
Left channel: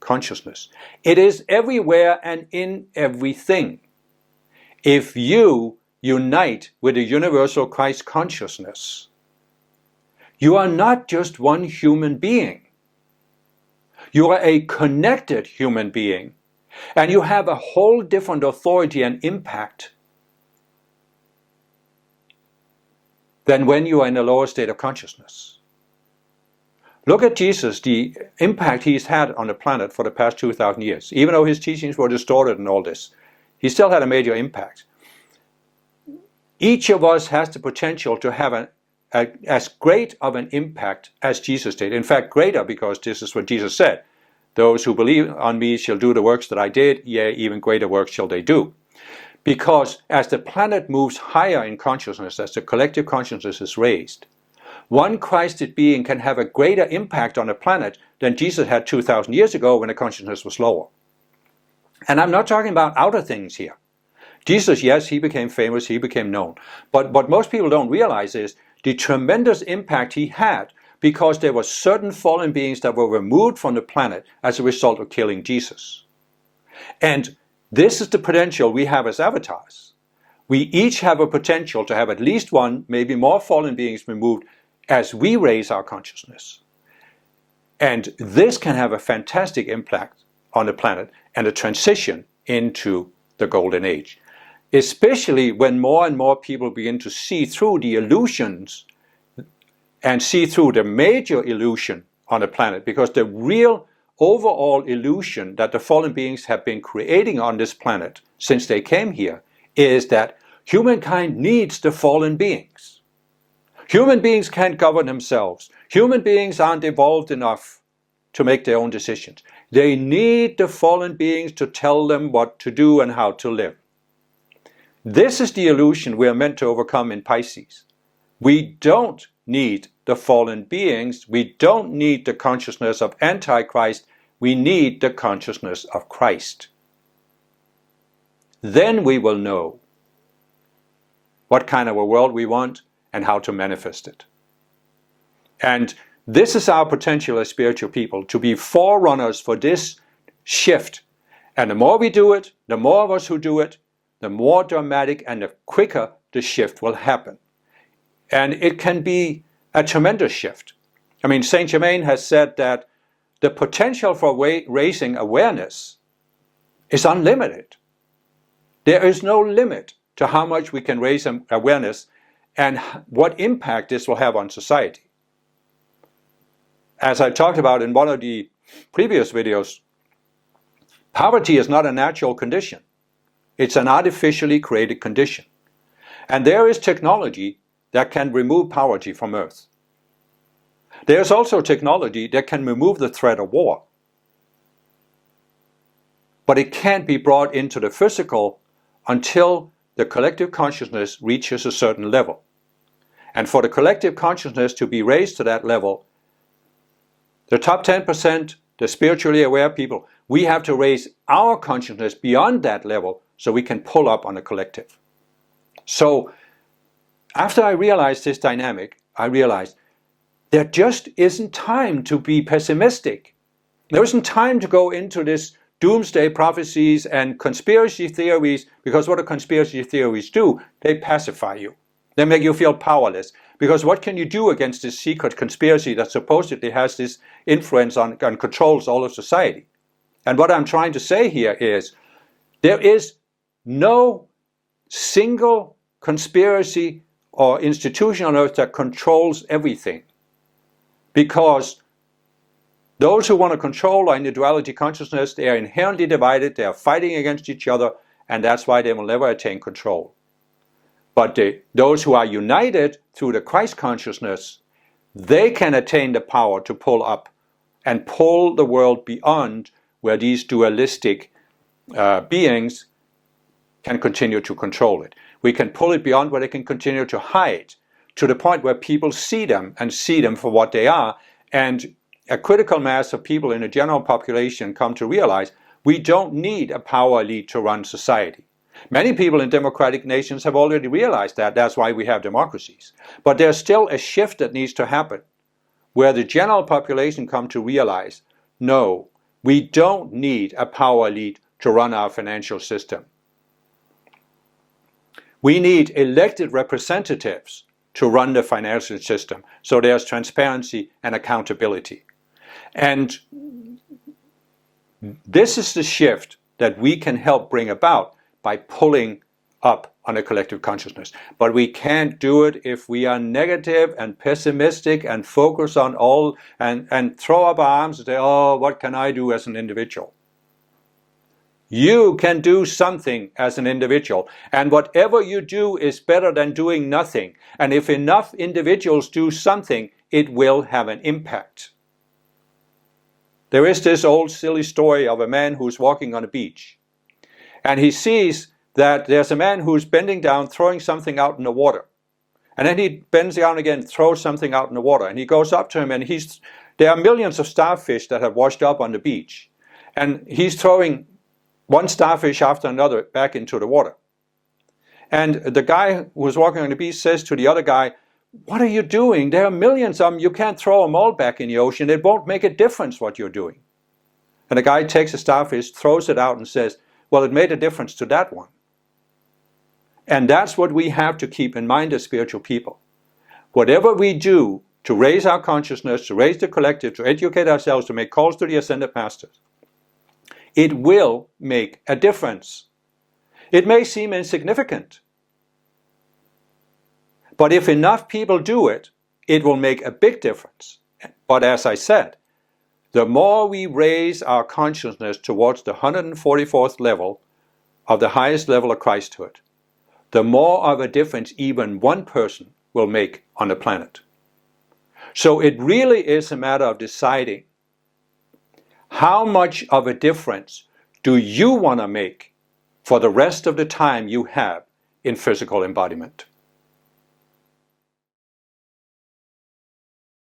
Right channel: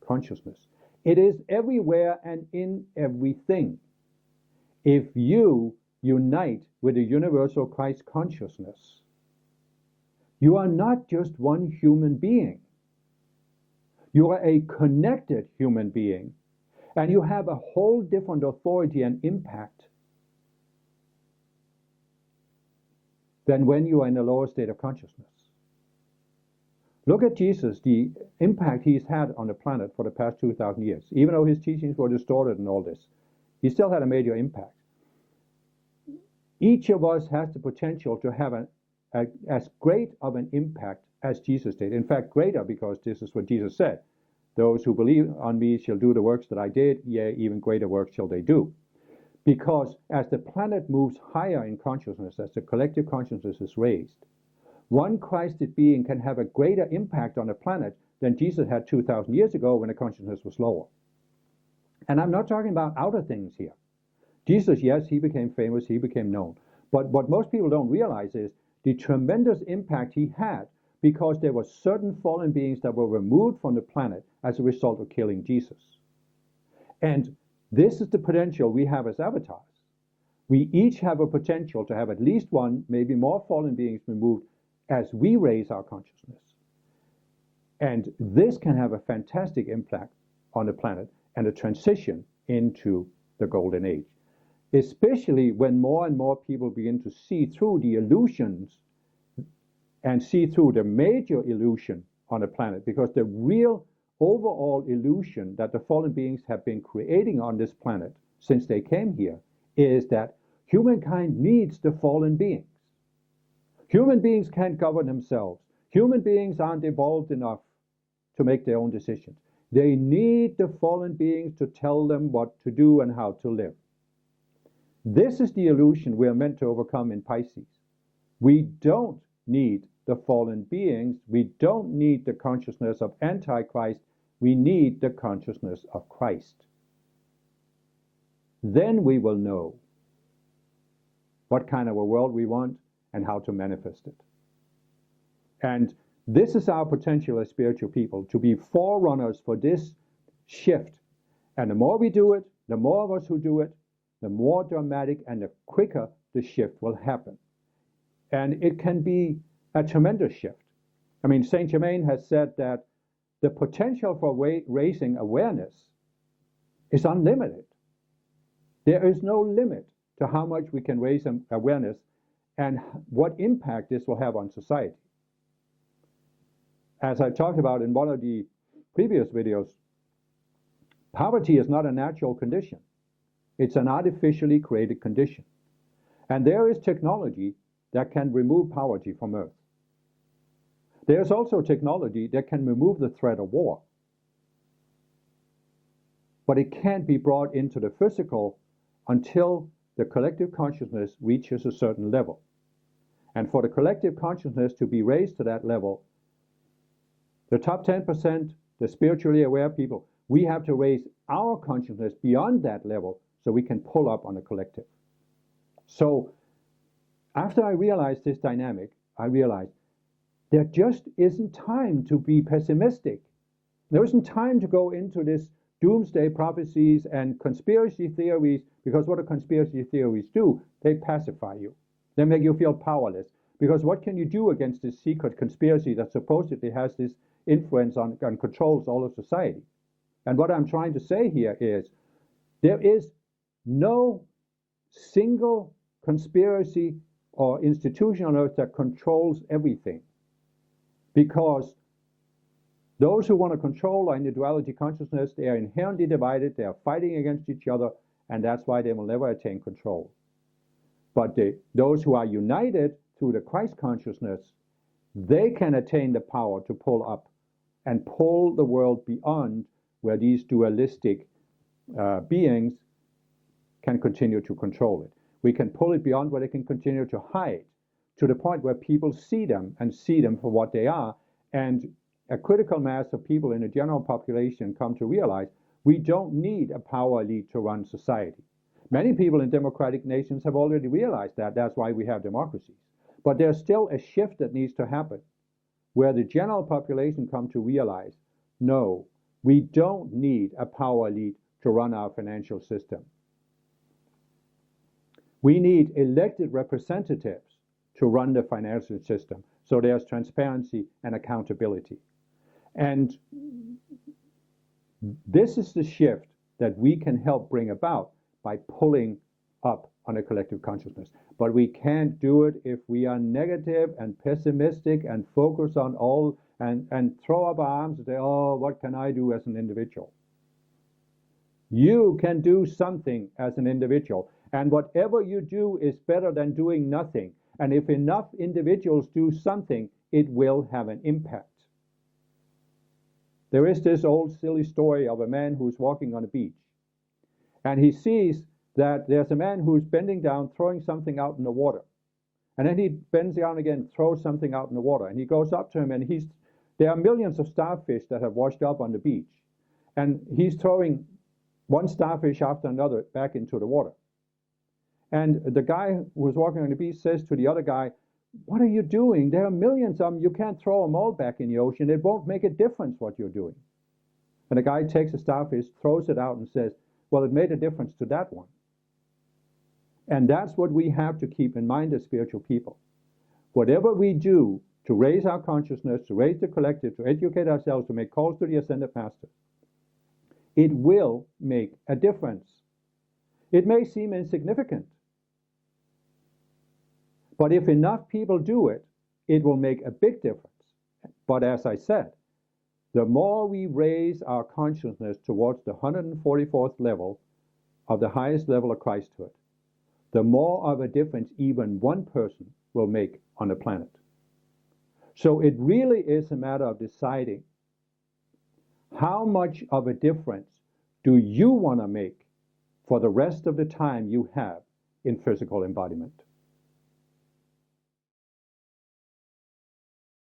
consciousness. It is everywhere and in everything. If you unite with the universal Christ consciousness, you are not just one human being. You are a connected human being, and you have a whole different authority and impact than when you are in a lower state of consciousness. Look at Jesus, the impact he's had on the planet for the past 2,000 years. Even though his teachings were distorted and all this, he still had a major impact. Each of us has the potential to have as great of an impact as Jesus did. In fact, greater, because this is what Jesus said. Those who believe on me shall do the works that I did, yea, even greater works shall they do. Because as the planet moves higher in consciousness, as the collective consciousness is raised, one Christed being can have a greater impact on the planet than Jesus had 2,000 years ago when the consciousness was lower. And I'm not talking about outer things here. Jesus, yes, he became famous, he became known. But what most people don't realize is the tremendous impact he had because there were certain fallen beings that were removed from the planet as a result of killing Jesus. And this is the potential we have as avatars. We each have a potential to have at least one, maybe more fallen beings removed as we raise our consciousness. And this can have a fantastic impact on the planet and a transition into the golden age, especially when more and more people begin to see through the illusions and see through the major illusion on the planet, because the real overall illusion that the fallen beings have been creating on this planet since they came here is that humankind needs the fallen beings. Human beings can't govern themselves. Human beings aren't evolved enough to make their own decisions. They need the fallen beings to tell them what to do and how to live. This is the illusion we are meant to overcome in Pisces. We don't need the fallen beings. We don't need the consciousness of Antichrist. We need the consciousness of Christ. Then we will know what kind of a world we want and how to manifest it. And this is our potential as spiritual people, to be forerunners for this shift. And the more we do it, the more of us who do it, the more dramatic and the quicker the shift will happen. And it can be a tremendous shift. I mean, Saint Germain has said that the potential for raising awareness is unlimited. There is no limit to how much we can raise awareness and what impact this will have on society. As I talked about in one of the previous videos, poverty is not a natural condition. It's an artificially created condition. And there is technology that can remove poverty from Earth. There's also technology that can remove the threat of war. But it can't be brought into the physical until the collective consciousness reaches a certain level. And for the collective consciousness to be raised to that level, the top 10%, the spiritually aware people, we have to raise our consciousness beyond that level so we can pull up on the collective. So after I realized this dynamic, I realized there just isn't time to be pessimistic. There isn't time to go into this doomsday prophecies and conspiracy theories, because what do conspiracy theories do? They pacify you. They make you feel powerless. Because what can you do against this secret conspiracy that supposedly has this influence on and controls all of society? And what I'm trying to say here is there is no single conspiracy or institution on earth that controls everything. Because Those who want to control are in the duality consciousness. They are inherently divided. They are fighting against each other, and that's why they will never attain control. But those who are united through the Christ consciousness, they can attain the power to pull up and pull the world beyond where these dualistic beings can continue to control it. We can pull it beyond where they can continue to hide, to the point where people see them and see them for what they are. And a critical mass of people in the general population come to realize we don't need a power elite to run society. Many people in democratic nations have already realized that. That's why we have democracies. But there's still a shift that needs to happen, where the general population come to realize, no, we don't need a power elite to run our financial system. We need elected representatives to run the financial system, so there's transparency and accountability. And this is the shift that we can help bring about by pulling up on a collective consciousness. But we can't do it if we are negative and pessimistic and focus on all and throw up our arms and say, oh, what can I do as an individual? You can do something as an individual, and whatever you do is better than doing nothing. And if enough individuals do something, it will have an impact. There is this old silly story of a man who's walking on a beach, and he sees that there's a man who's bending down, throwing something out in the water. And then he bends down again, throws something out in the water, and he goes up to him, and there are millions of starfish that have washed up on the beach, and he's throwing one starfish after another back into the water. And the guy who was walking on the beach says to the other guy, what are you doing? There are millions of them. You can't throw them all back in the ocean. It won't make a difference what you're doing. And the guy takes a starfish, throws it out and says, well, it made a difference to that one. And that's what we have to keep in mind as spiritual people. Whatever we do to raise our consciousness, to raise the collective, to educate ourselves, to make calls to the ascended masters, it will make a difference. It may seem insignificant, but if enough people do it, it will make a big difference. But as I said, the more we raise our consciousness towards the 144th level of the highest level of Christhood, the more of a difference even one person will make on the planet. So it really is a matter of deciding how much of a difference do you want to make for the rest of the time you have in physical embodiment.